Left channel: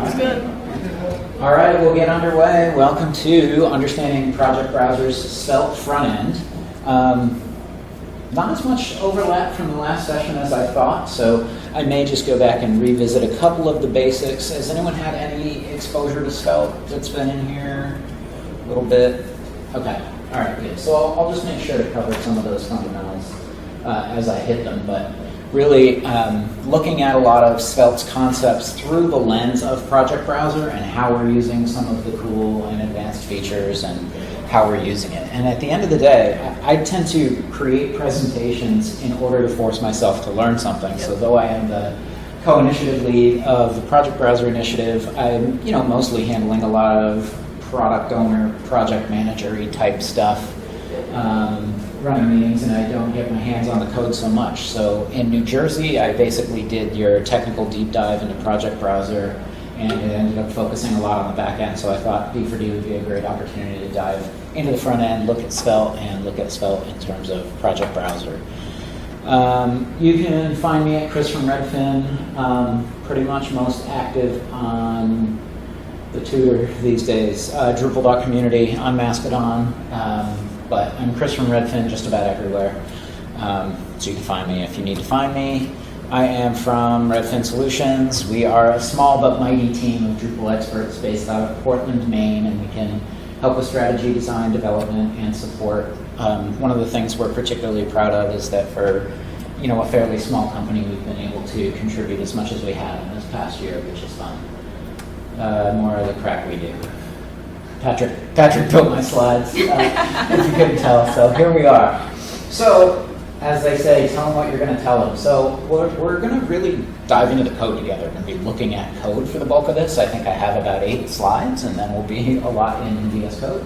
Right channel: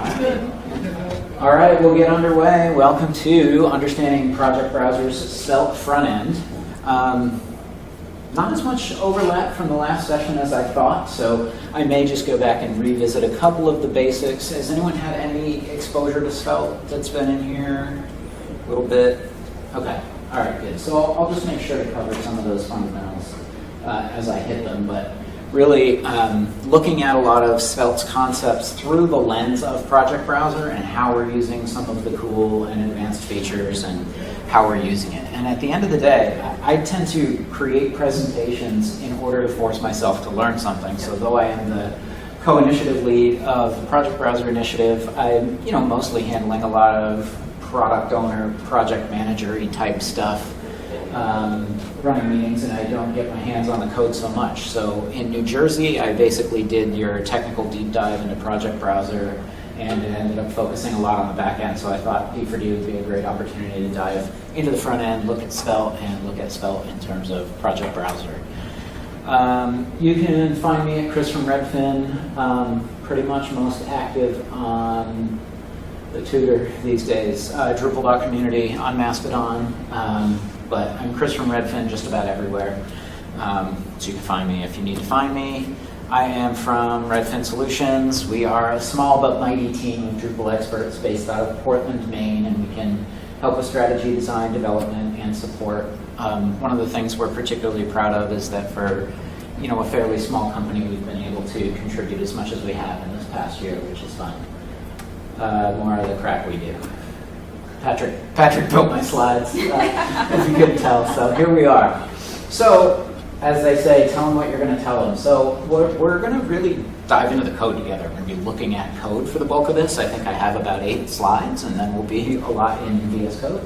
All right, we'll get underway. Welcome to Understanding Project Browser's Svelte front end. Not as much overlap from the last session as I thought, so I may just go back and revisit a couple of the basics. Has anyone had any exposure to Svelte that's been in here? A little bit? Okay, all right, good. So I'll just make sure to cover some of those fundamentals as I hit them, but really looking at a lot of Svelte's concepts through the lens of Project Browser and how we're using some of the cool and advanced features and how we're using it. And at the end of the day, I tend to create presentations in order to force myself to learn something. So though I am the co-initiative lead of the Project Browser initiative, I'm mostly handling a lot of product owner, project manager-y type stuff, running meetings, and I don't get my hands on the code so much. So in New Jersey, I basically did your technical deep dive into Project Browser, and it ended up focusing a lot on the back end. So I thought D4D would be a great opportunity to dive into the front end, look at Svelte, and look at Svelte in terms of Project Browser. You can find me at Chris from Redfin, pretty much most active on the Twitter these days, Drupal.community on Mastodon, but I'm Chris from Redfin just about everywhere, so you can find me if you need to find me. I am from Redfin Solutions. We are a small but mighty team of Drupal experts based out of Portland, Maine, and we can help with strategy, design, development, and support. One of the things we're particularly proud of is that for a fairly small company, we've been able to contribute as much as we have in this past year, which is fun. More of the crap we do. Patrick built my slides, if you couldn't tell, so here we are. So, as they say, tell them what you're going to tell them. So we're going to really dive into the code together. We're going to be looking at code for the bulk of this. I think I have about 8 slides, and then we'll be a lot in VS Code.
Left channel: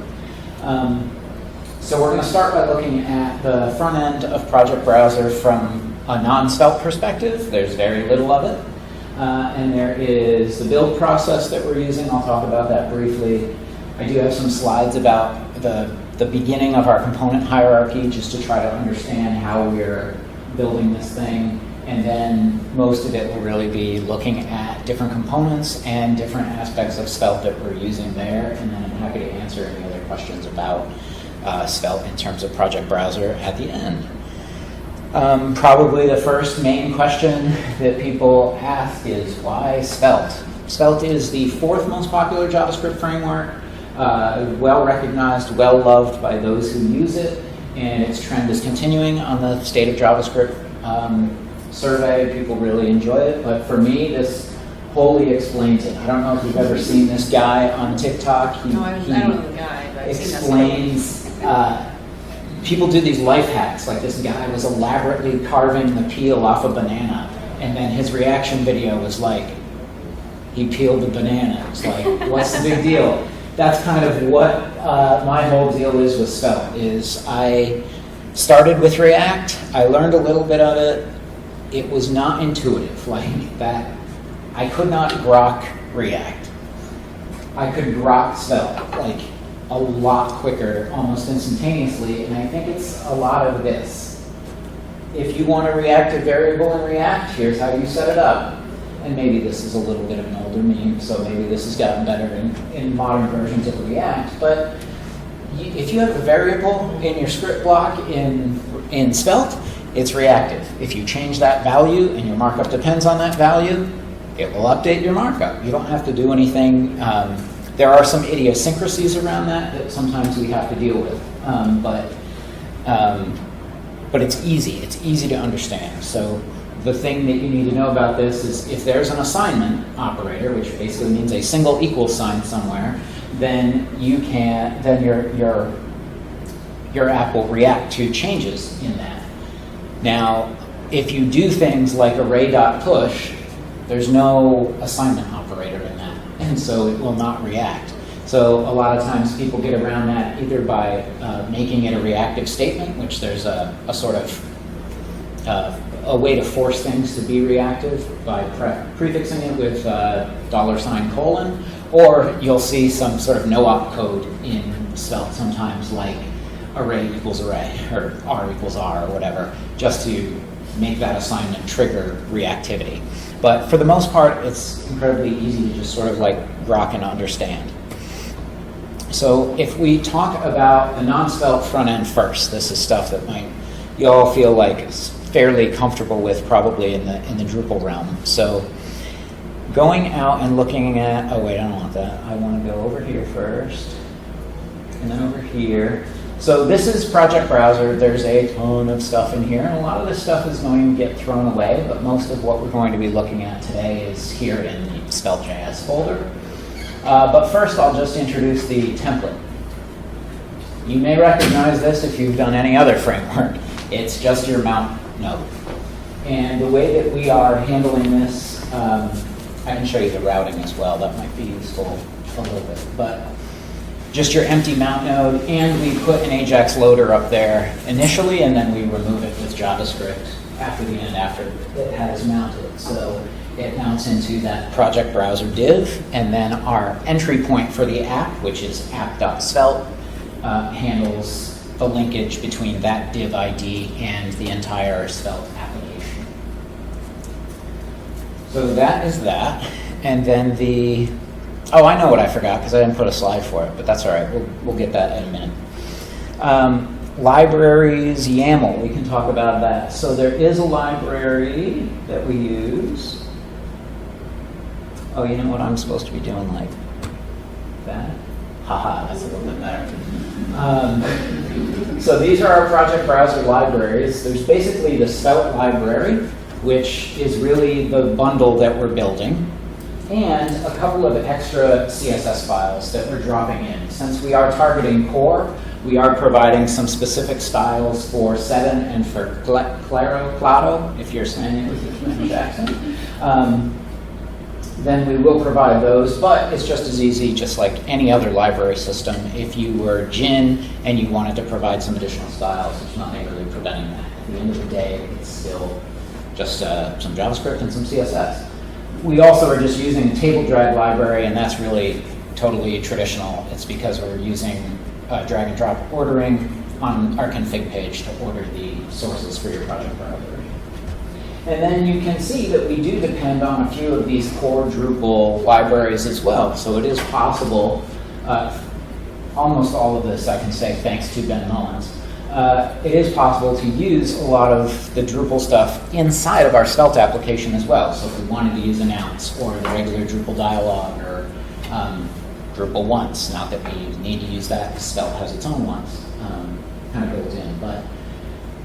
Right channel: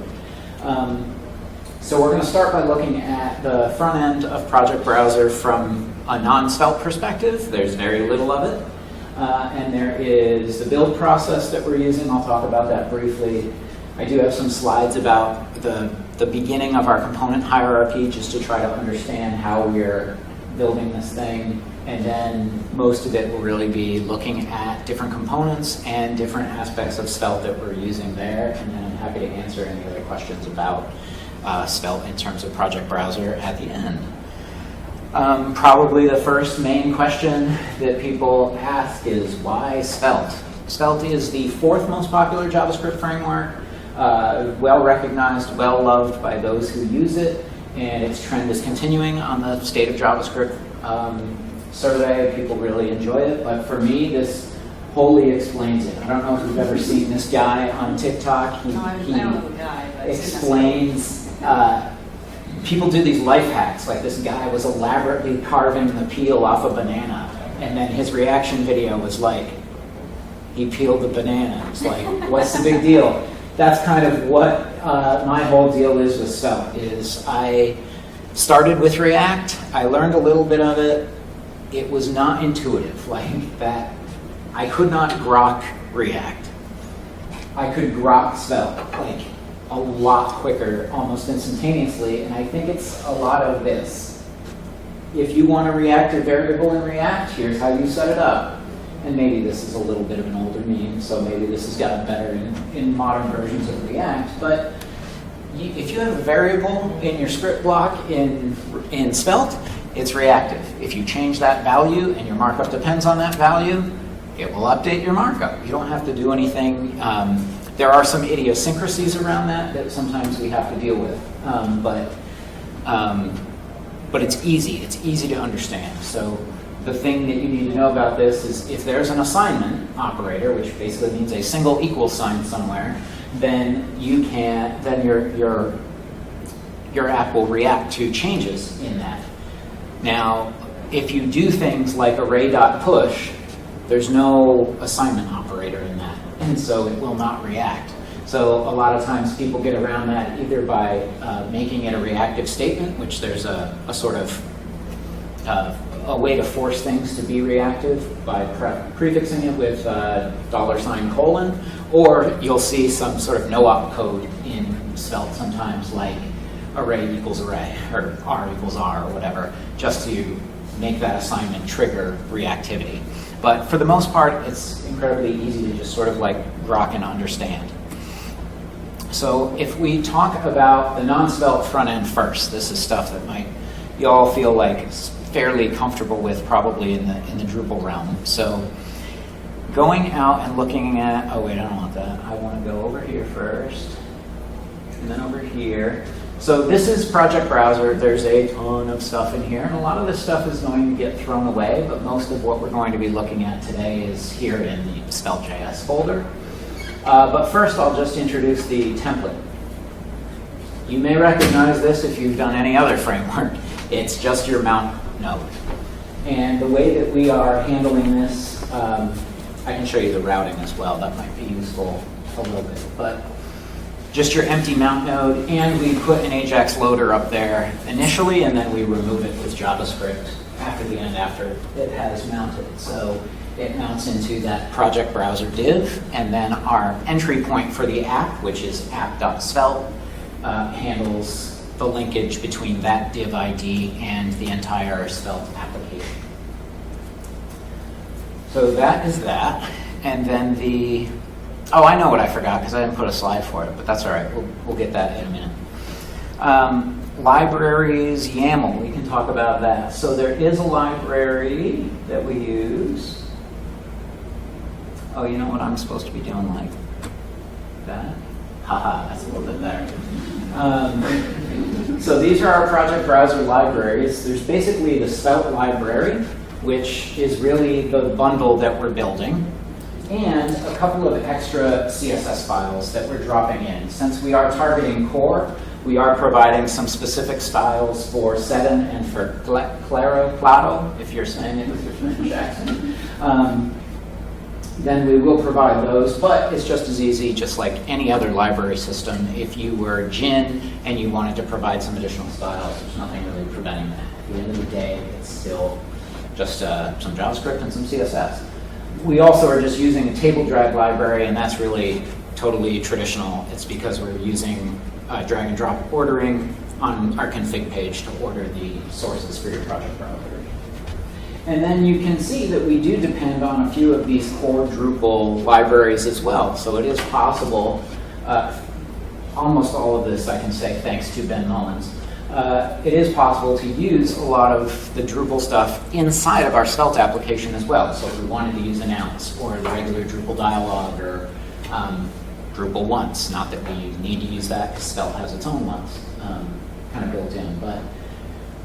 So we're going to start by looking at the front end of Project Browser from a non-Svelte perspective. There's very little of it. And there is the build process that we're using. I'll talk about that briefly. I do have some slides about the beginning of our component hierarchy, just to try to understand how we're building this thing. And then most of it will really be looking at different components and different aspects of Svelte that we're using there. And then I'm happy to answer any other questions about Svelte in terms of Project Browser at the end. Probably the first main question that people ask is, why Svelte? Svelte is the 4th most popular JavaScript framework, well recognized, well loved by those who use it, and its trend is continuing on the State of JavaScript survey. People really enjoy it, but for me, this wholly explains it. I don't know if you've ever seen this guy on TikTok. I don't know the guy, but explains. People do these life hacks, like this guy was elaborately carving the peel off a banana, and then his reaction video was like, he peeled the banana. It's like, what's the big deal? That's kind of what my whole deal is with Svelte, is I started with React, I learned a little bit of it, it was not intuitive, like that. I could not grok React. I could grok Svelte, like, a lot quicker, almost instantaneously, and I think it's a lot of this. If you want to react a variable in React, here's how you set it up. And maybe this is a little bit of an older meme, so maybe this has gotten better in modern versions of React, but if you have a variable in your script block in Svelte, it's reactive. If you change that value and your markup depends on that value, it will update your markup. You don't have to do anything. There are some idiosyncrasies around that sometimes we have to deal with, but it's easy. It's easy to understand. So the thing that you need to know about this is if there's an assignment operator, which basically means a single equals sign somewhere, then your app will react to changes in that. Now, if you do things like array.push, there's no assignment operator in that, and so it will not react. So a lot of times people get around that either by making it a reactive statement, which there's a sort of a way to force things to be reactive by prefixing it with $:, or you'll see some sort of no-op code in Svelte sometimes, like array equals array, or r equals r, or whatever, just to make that assignment trigger reactivity. But for the most part, it's incredibly easy to just sort of like grok and understand. So if we talk about the non-Svelte front end first, this is stuff that you all feel like it's fairly comfortable with probably in the Drupal realm. So going out and looking at, oh wait, I don't want that. I want to go over here first, and then over here. So this is Project Browser. There's a ton of stuff in here, and a lot of this stuff is going to get thrown away, but most of what we're going to be looking at today is here in the Svelte.js folder. But first, I'll just introduce the template. You may recognize this if you've done any other framework. It's just your mount node. And the way that we are handling this, I can show you the routing as well. That might be useful a little bit. But just your empty mount node, and we put an Ajax loader up there initially, and then we remove it with JavaScript after the end, after it has mounted. So it mounts into that project browser div, and then our entry point for the app, which is app.svelte, handles the linkage between that div ID and the entire Svelte application. So that is that. And then oh, I know what I forgot because I didn't put a slide for it, but that's all right. We'll get that in a minute. Libraries, YAML, we can talk about that. So there is a library that we use. Oh, you know what? I'm supposed to be doing like that. Haha, that's a little bit better. So these are our project browser libraries. There's basically the Svelte library, which is really the bundle that we're building, and a couple of extra CSS files that we're dropping in. Since we are targeting core, we are providing some specific styles for Sedan and for Claro, if you're saying it with your Spanish accent. Then we will provide those, but it's just as easy, just like any other library system. If you were Gin and you wanted to provide some additional styles, there's nothing really preventing that. At the end of the day, it's still just some JavaScript and some CSS. We also are just using a table drag library, and that's really totally traditional. It's because we're using drag and drop ordering on our config page to order the sources for your project browser. And then you can see that we do depend on a few of these core Drupal libraries as well. So it is possible, almost all of this I can say thanks to Ben Mullins, it is possible to use a lot of the Drupal stuff inside of our Svelte application as well. So if we wanted to use announce or the regular Drupal dialog or Drupal once, not that we need to use that because Svelte has its own once, kind of goes in, but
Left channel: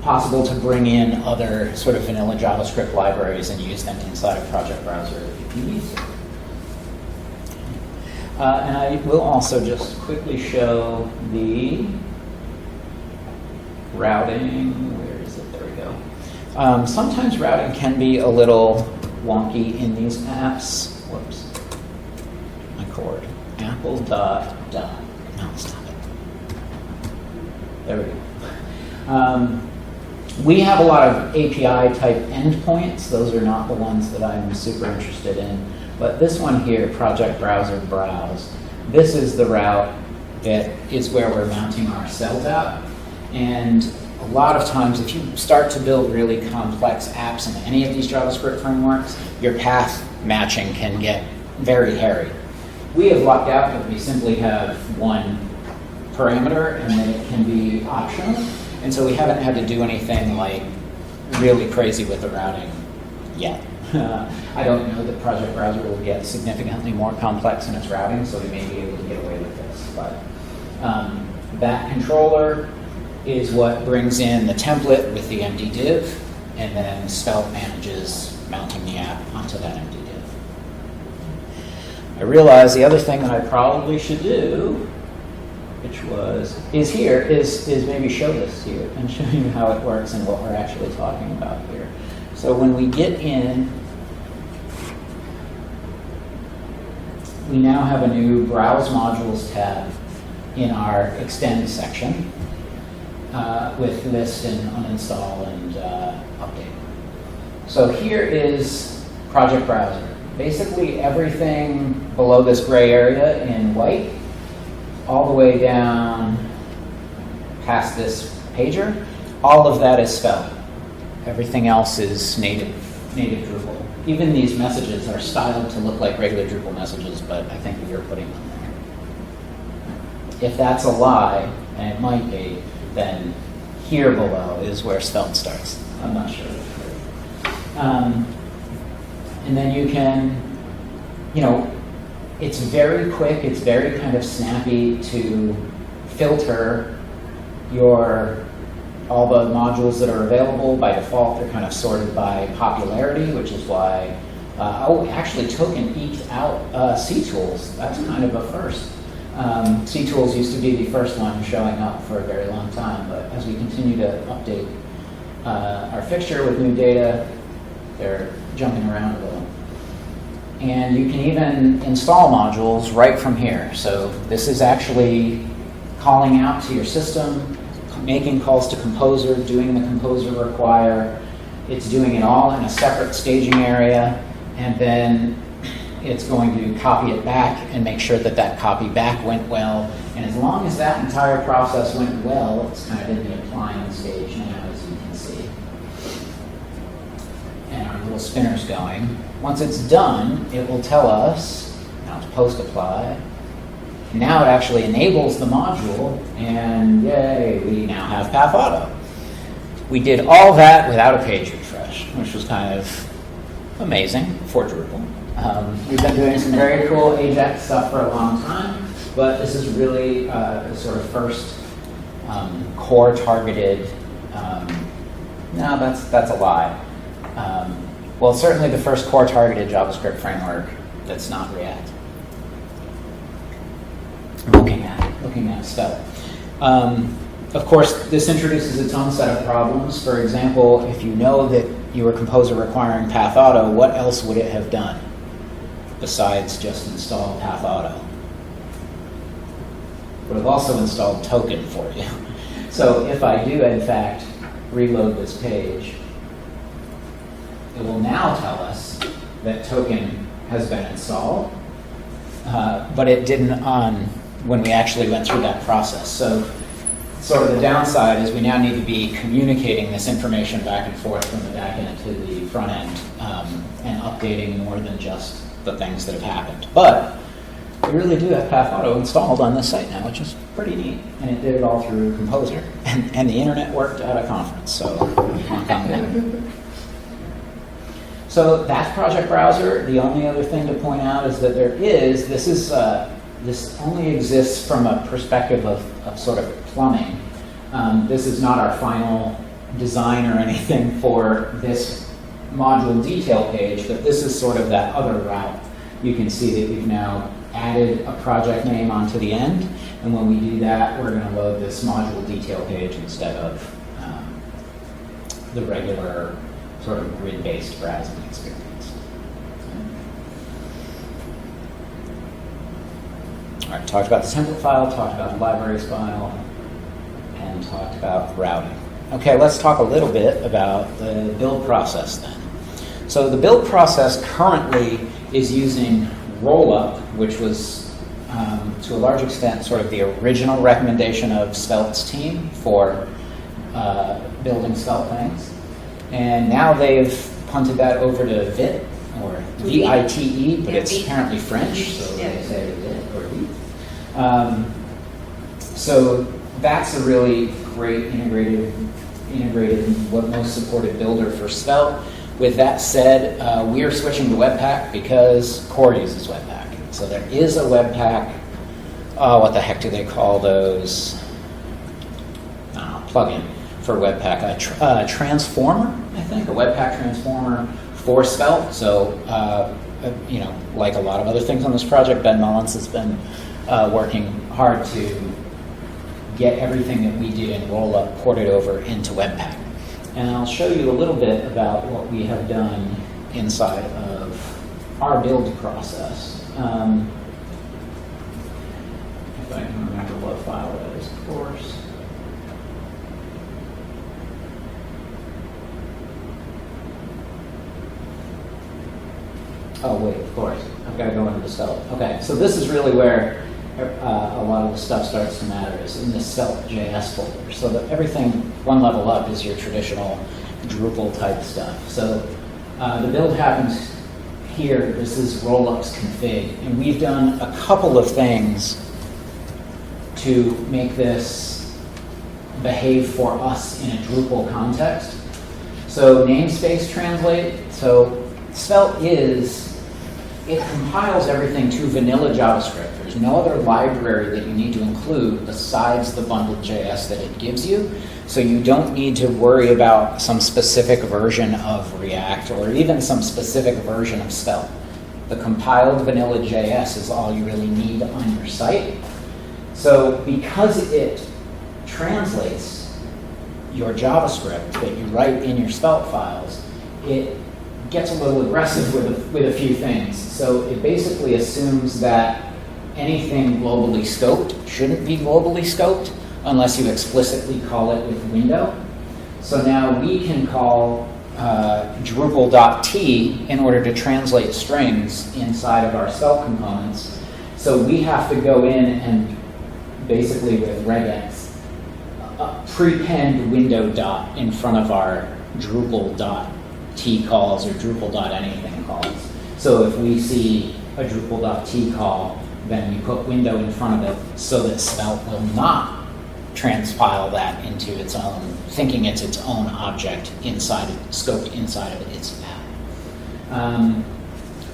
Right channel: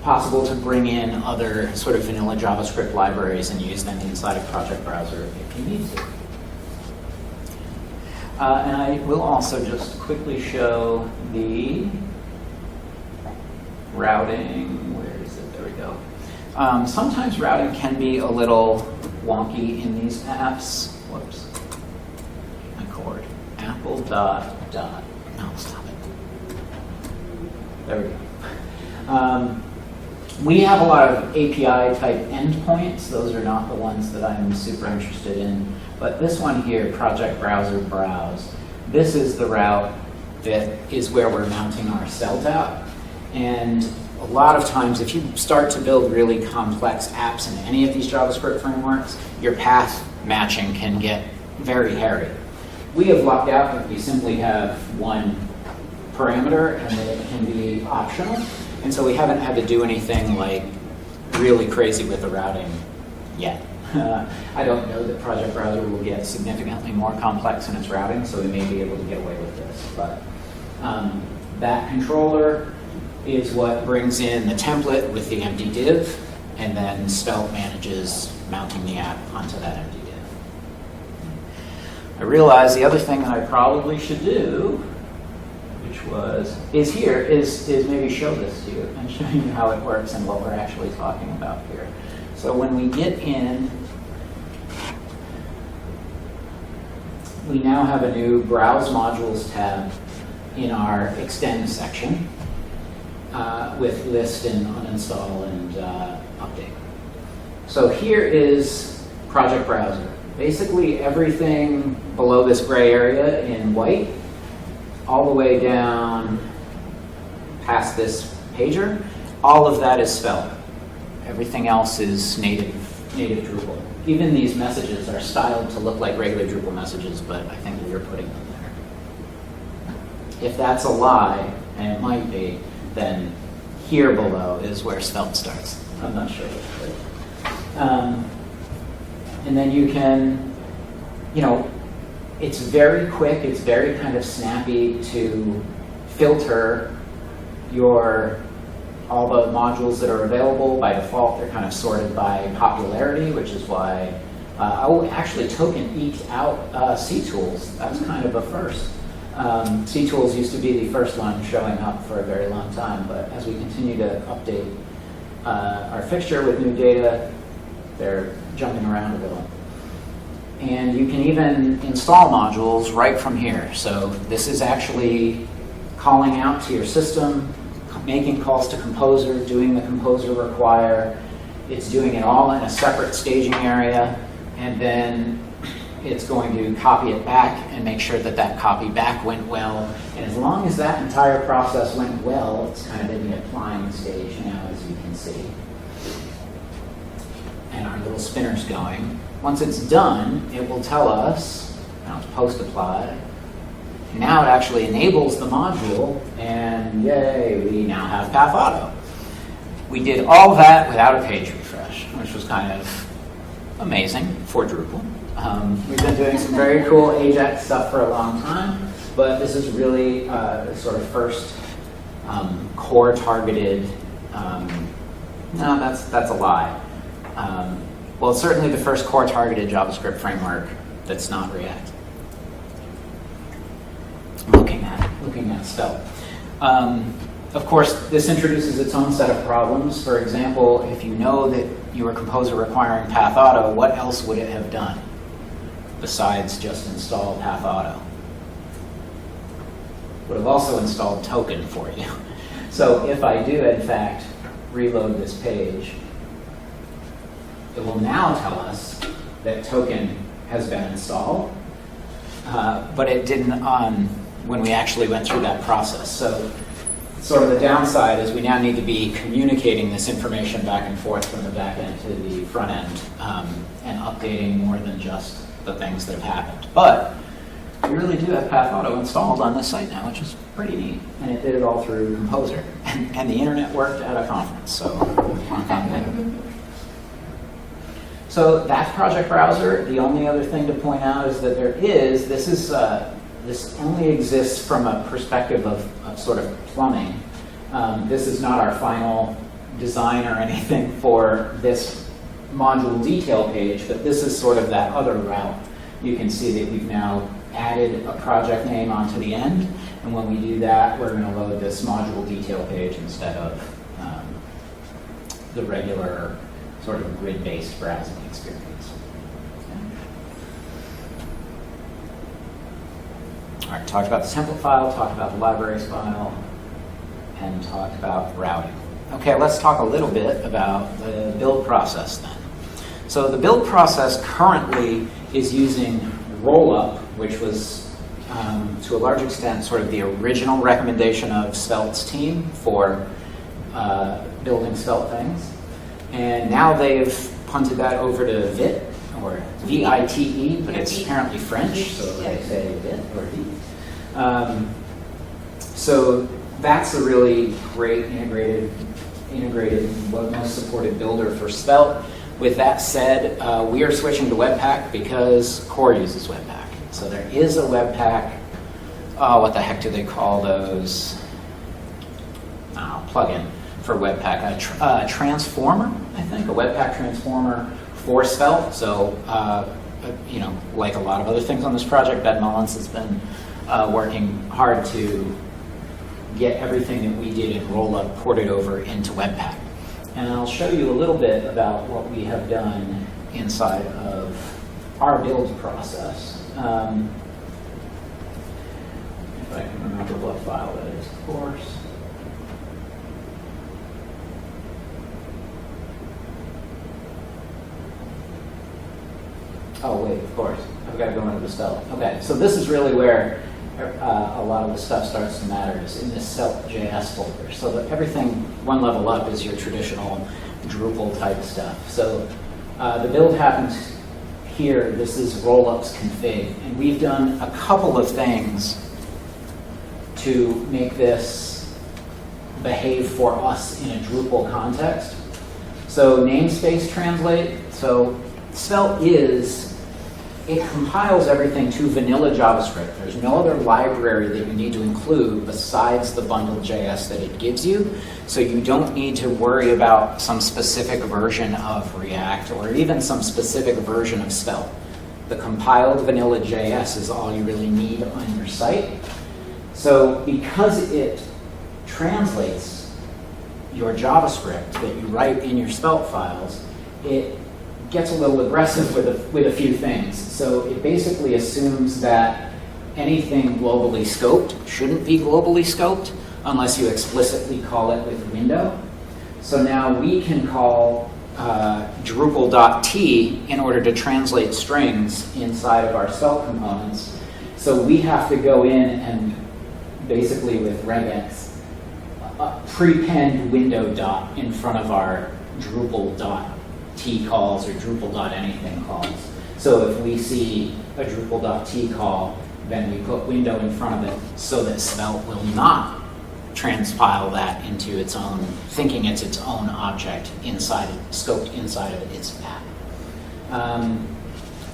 possible to bring in other sort of vanilla JavaScript libraries and use them inside a project browser if you need to. And I will also just quickly show the routing. Where is it? There we go. Sometimes routing can be a little wonky in these apps. Whoops. My cord. Apple dot. No, stop it. There we go. We have a lot of API type endpoints. Those are not the ones that I'm super interested in. But this one here, project browser browse, this is the route that is where we're mounting our Svelte app. And a lot of times, if you start to build really complex apps in any of these JavaScript frameworks, your path matching can get very hairy. We have lucked out that we simply have one parameter and then it can be optional. And so we haven't had to do anything like really crazy with the routing yet. I don't know that Project Browser will get significantly more complex in its routing, so we may be able to get away with this. But that controller is what brings in the template with the empty div, and then Svelte manages mounting the app onto that empty div. I realize the other thing that I probably should do, is maybe show this to you and show you how it works and what we're actually talking about here. So when we get in, we now have a new Browse Modules tab in our Extend section with list and uninstall and update. So here is Project Browser. Basically everything below this gray area in white, all the way down past this pager, all of that is Svelte. everything else is native Drupal. Even these messages are styled to look like regular Drupal messages, but I think you're putting them there. If that's a lie, and it might be, then here below is where Svelte starts. I'm not sure. And then you can, it's very quick, it's very kind of snappy to filter all the modules that are available. By default, they're kind of sorted by popularity, which is why, actually Token eked out CTools. That's kind of a first. CTools used to be the first one showing up for a very long time, but as we continue to update our fixture with new data, they're jumping around a little. And you can even install modules right from here. So this is actually calling out to your system, making calls to Composer, doing the Composer require. It's doing it all in a separate staging area, and then it's going to copy it back and make sure that that copy back went well. And as long as that entire process went well, it's kind of in the applying stage now, as you can see. And our little spinner's going. Once it's done, it will tell us, post apply. Now it actually enables the module, and yay, we now have Path Auto. We did all that without a page refresh, which was kind of amazing for Drupal. We've been doing some very cool Ajax stuff for a long time, but this is really the sort of first core targeted, no, that's a lie. Well, certainly the first core targeted JavaScript framework that's not React. Looking at Svelte. Of course, this introduces its own set of problems. For example, if you know that you were Composer requiring Path Auto, what else would it have done besides just install Path Auto? Would have also installed Token for you. So if I do, in fact, reload this page, it will now tell us that Token has been installed, but it didn't when we actually went through that process. So sort of the downside is we now need to be communicating this information back and forth from the back end to the front end and updating more than just the things that have happened. But we really do have Path Auto installed on this site now, which is pretty neat. And it did it all through Composer. And the internet worked at a conference. So that's Project Browser. The only other thing to point out is that this only exists from a perspective of sort of plumbing. This is not our final design or anything for this module detail page, but this is sort of that other route. You can see that we've now added a project name onto the end, and when we do that, we're going to load this module detail page instead of the regular sort of grid-based browsing experience. All right, talked about the template file, talked about the libraries file, and talked about routing. Okay, let's talk a little bit about the build process then. So the build process currently is using rollup, which was to a large extent sort of the original recommendation of Svelte's team for building Svelte things. And now they've punted that over to Vite, or V-I-T-E, but it's apparently French, so they say Vite or Vite. So that's a really great integrated, most supported builder for Svelte. With that said, we are switching to Webpack because Core uses Webpack. So there is a Webpack, what the heck do they call those? Plugin for Webpack. A transformer, I think, a Webpack transformer for Svelte. So, like a lot of other things on this project, Ben Mullins has been working hard to get everything that we did in Rollup ported over into Webpack. And I'll show you a little bit about what we have done inside of our build process. If I can remember what file that is, of course. Oh, wait, of course. I've got to go into the Svelte. Okay, so this is really where a lot of the stuff starts to matter, is in this Svelte.js folder. So that everything one level up is your traditional Drupal type stuff. So the build happens here. This is rollups config, and we've done a couple of things to make this behave for us in a Drupal context. So namespace translate. So Svelte it compiles everything to vanilla JavaScript. There's no other library that you need to include besides the bundled JS that it gives you. So you don't need to worry about some specific version of React or even some specific version of Svelte. The compiled vanilla JS is all you really need on your site. So because it translates your JavaScript that you write in your Svelte files, it gets a little aggressive with a few things. So it basically assumes that anything globally scoped shouldn't be globally scoped unless you explicitly call it with window. So now we can call Drupal.t in order to translate strings inside of our Svelte components. So we have to go in and basically with regex prepend window dot in front of our Drupal.t calls or Drupal.anything calls. So if we see a Drupal.t call, then we put window in front of it so that Svelte will not transpile that into its own, thinking it's its own object scoped inside of its app.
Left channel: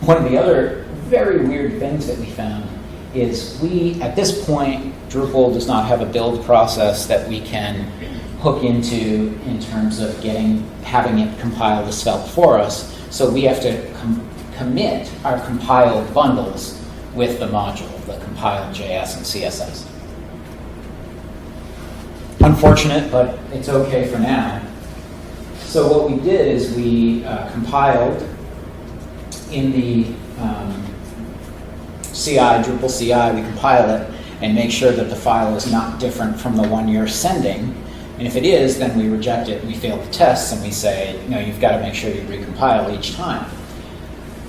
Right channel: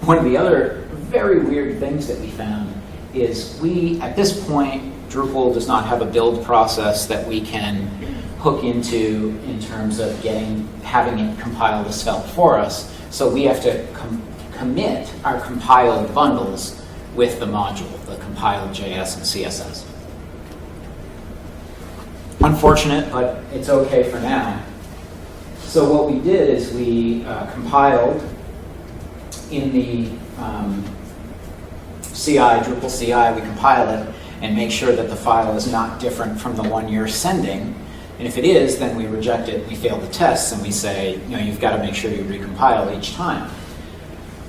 One of the other very weird things that we found is at this point, Drupal does not have a build process that we can hook into in terms of having it compile to Svelte for us. So we have to commit our compiled bundles with the module, the compiled JS and CSS. Unfortunate, but it's okay for now. So what we did is we compiled in the Drupal CI, we compile it and make sure that the file is not different from the one you're sending. And if it is, then we reject it, we fail the tests, and we say, you've got to make sure you recompile each time.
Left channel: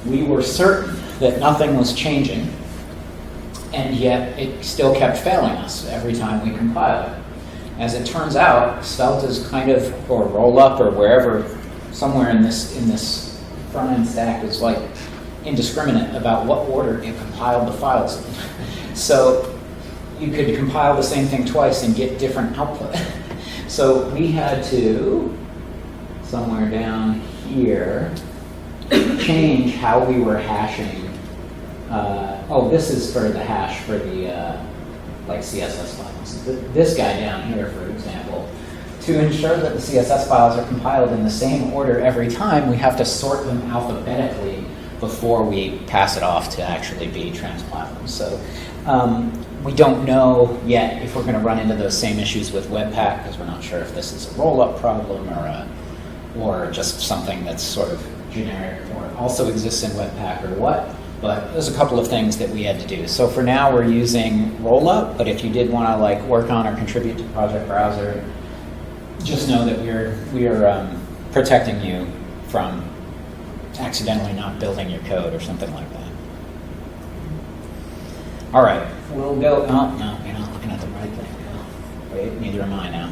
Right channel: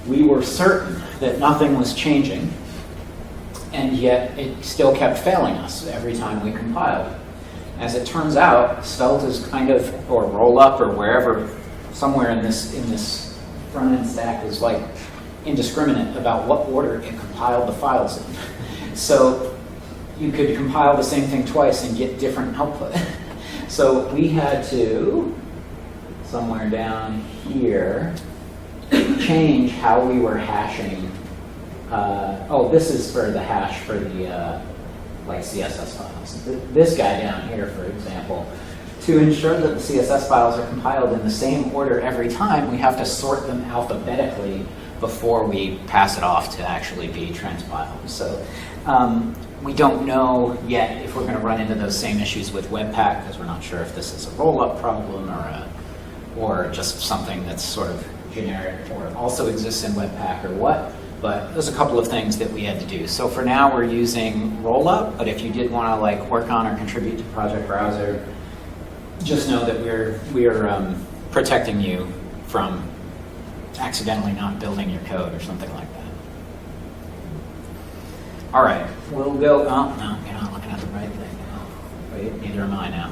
We were certain that nothing was changing, and yet it still kept failing us every time we compiled. As it turns out, Svelte is kind of, or rollup or wherever, somewhere in this front-end stack is like indiscriminate about what order it compiled the files in. So you could compile the same thing twice and get different output. So we had to, somewhere down here, change how we were hashing. This is for the hash for the CSS files. This guy down here, for example, to ensure that the CSS files are compiled in the same order every time, we have to sort them alphabetically before we pass it off to actually be transpiled. So we don't know yet if we're going to run into those same issues with Webpack, because we're not sure if this is a roll-up problem or just something that's sort of generic or also exists in Webpack or what. But there's a couple of things that we had to do. So for now, we're using rollup, but if you did want to work on or contribute to Project Browser, just know that we're protecting you from accidentally not building your code or something like that. All right, we'll go. Oh, no, you're not looking at the right thing now. Wait, neither am I now.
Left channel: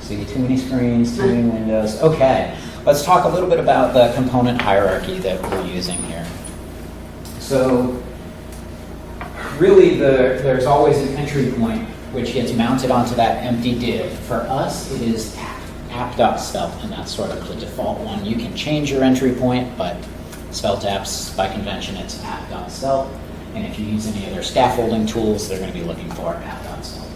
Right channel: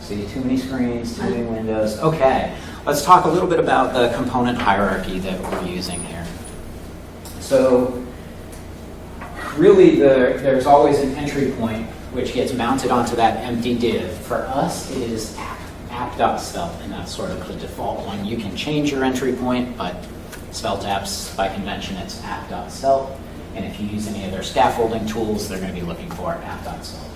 See, too many screens, too many windows. Okay, let's talk a little bit about the component hierarchy that we're using here. So really, there's always an entry point which gets mounted onto that empty div. For us, it is app.svelte, and that's sort of the default one. You can change your entry point, but Svelte apps, by convention, it's app.svelte. And if you use any of their scaffolding tools, they're going to be looking for app.svelte.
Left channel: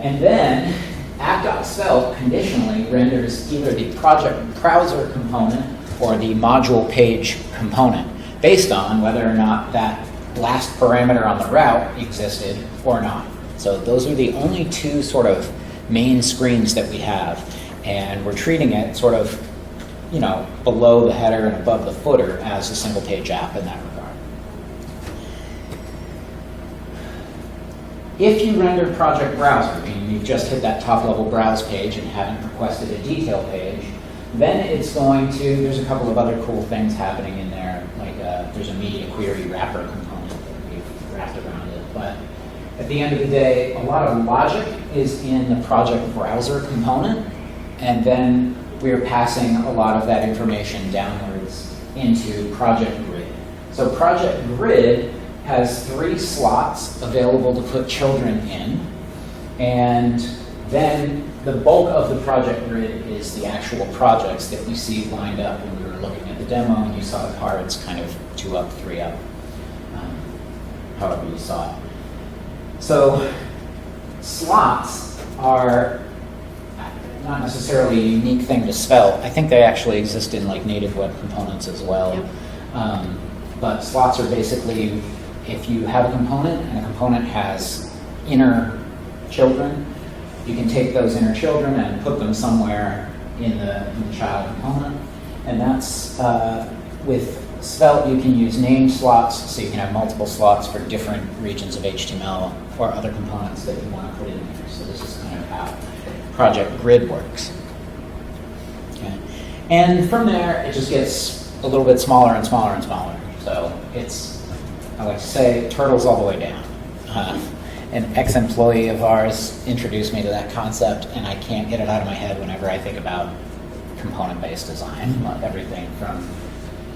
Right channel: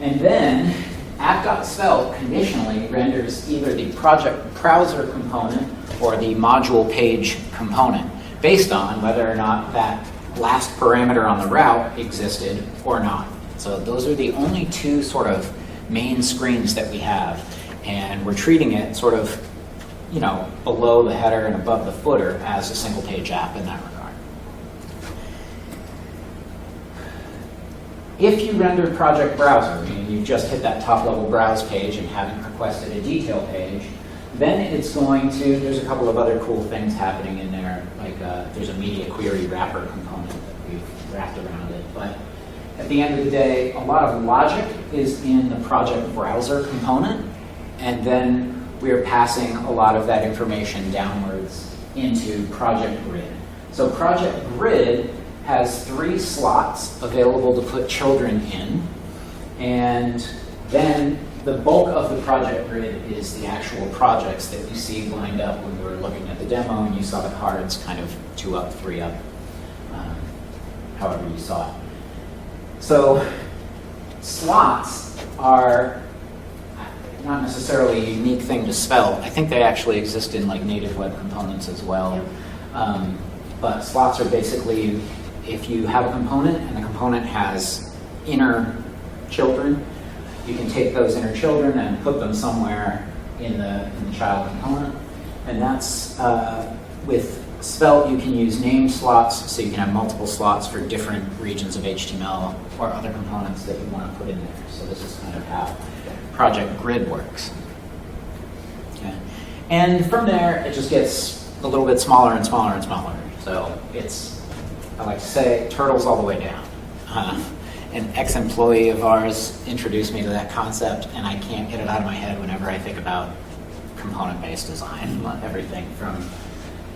And then app.svelte conditionally renders either the project browser component or the module page component based on whether or not that last parameter on the route existed or not. So those are the only two sort of main screens that we have. And we're treating it sort of, below the header and above the footer as a single page app in that regard. If you rendered Project Browser, meaning you just hit that top level browse page and haven't requested a detail page, then it's going to, there's a couple of other cool things happening in there, like there's a media query wrapper component that we've wrapped around it. But at the end of the day, a lot of logic is in the Project Browser component, and then we are passing a lot of that information downwards into Project Grid. So Project Grid has 3 slots available to put children in, and then the bulk of the Project Grid is the actual projects that we see lined up when we were looking at the demo, and you saw the cards kind of 2 up, 3 up, however you saw it. So slots are not necessarily a unique thing to Svelte. I think they actually exist in like native web components as well. Yep. But slots are basically, if you have a component and a component has inner children, you can take those inner children and put them somewhere in the child component. And that's, with Svelte, you can use name slots, so you can have multiple slots for different regions of HTML or other components that you want to put in there. So this is kind of how Project Grid works. Okay. And from there, it just gets a little bit smaller and smaller and smaller. So it's, I like to say, turtles all the way down. An ex-employee of ours introduced me to that concept, and I can't get it out of my head whenever I think about component-based design. Everything from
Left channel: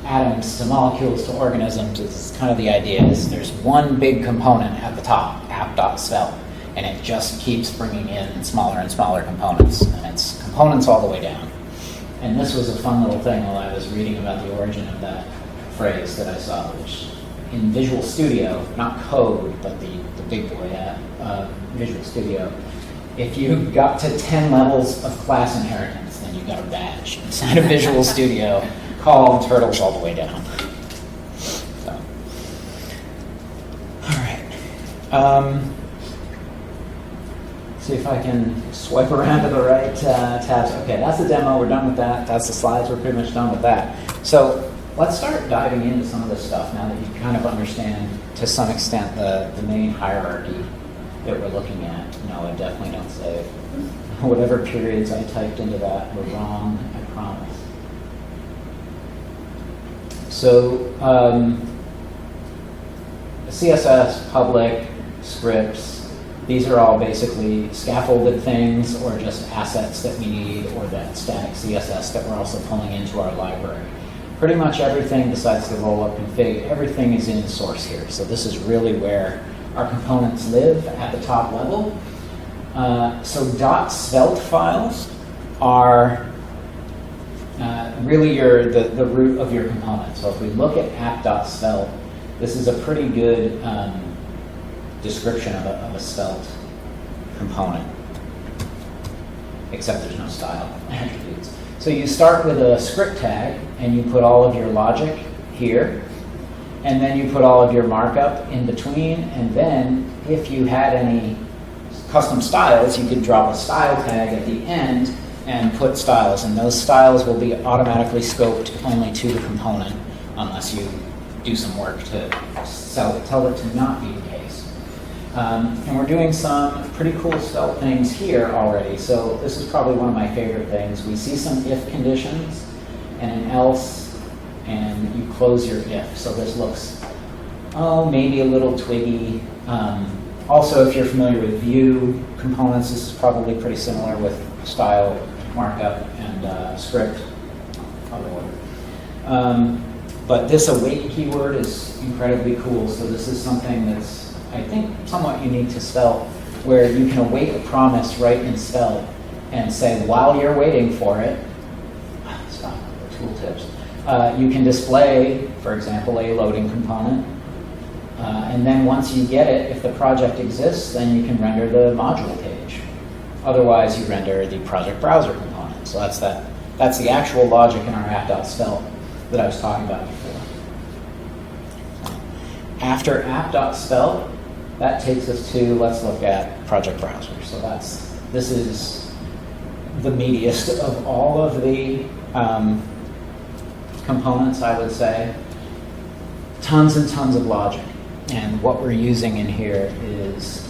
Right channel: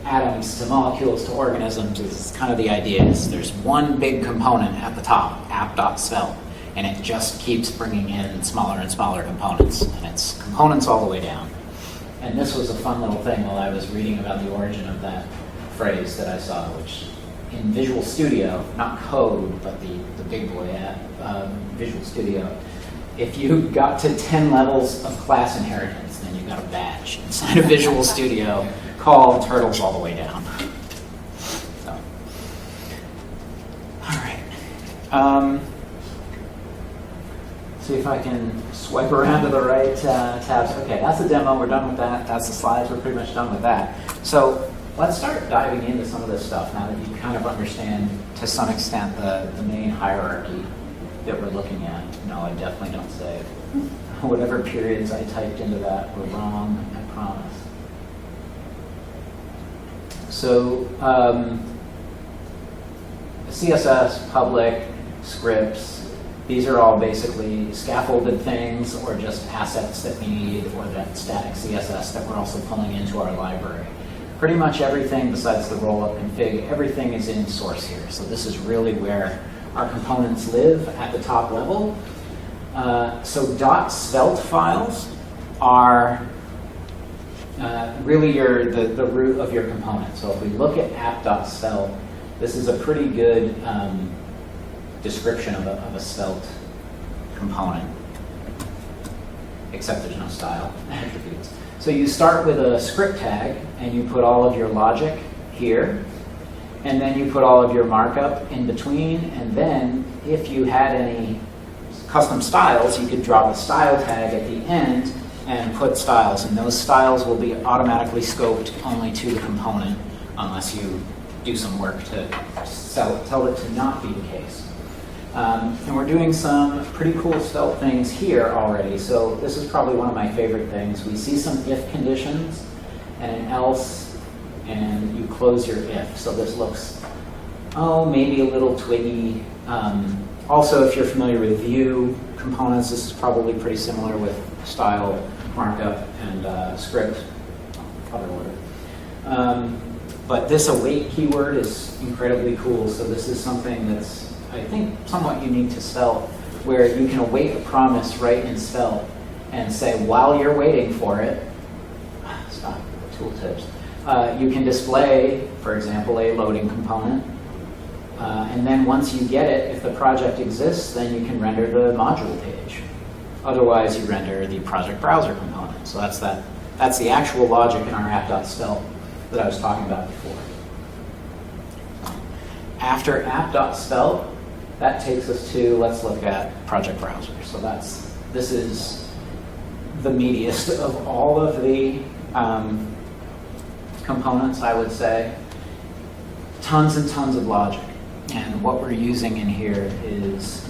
atoms to molecules to organisms, it's kind of the idea is there's one big component at the top, app.svelte, and it just keeps bringing in smaller and smaller components, and it's components all the way down. And this was a fun little thing while I was reading about the origin of that phrase that I saw, which in Visual Studio, not code, but the big boy at Visual Studio, if you got to 10 levels of class inheritance, then you got a badge inside of Visual Studio called turtles all the way down. So, all right. See if I can swipe around to the right tabs. Okay, that's the demo. We're done with that. That's the slides. We're pretty much done with that. So let's start diving into some of this stuff now that you kind of understand, to some extent, the main hierarchy that we're looking at. No, I definitely don't say whatever periods I typed into that were wrong, I promise. So CSS, public, scripts, these are all basically scaffolded things or just assets that we need, or that static CSS that we're also pulling into our library. Pretty much everything besides the roll-up config, everything is in source here. So this is really where our components live at the top level. So .svelte files are really the root of your component. So if we look at app.svelte, this is a pretty good description of a Svelte component, except there's no style attributes. So you start with a script tag, and you put all of your logic here, and then you put all of your markup in between, and then if you had any custom styles, you could drop a style tag at the end and put styles, and those styles will be automatically scoped only to the component unless you do some work to tell it to not be the case. And we're doing some pretty cool Svelte things here already. So this is probably one of my favorite things. We see some if conditions and an else, and you close your if. So this looks, maybe a little twiggy. Also, if you're familiar with Vue components, this is probably pretty similar with style, markup, and script. But this await keyword is incredibly cool. So this is something that's, I think, somewhat unique to Svelte, where you can await a promise right in Svelte and say, while you're waiting for it, stop, tooltips, you can display, for example, a loading component. And then once you get it, if the project exists, then you can render the module page. Otherwise, you render the project browser component. So that's the actual logic in our app.svelte that I was talking about before. After app.svelte, that takes us to, let's look at project browser. So this is the meatiest of all of the components, I would say. Tons and tons of logic. And what we're using in here is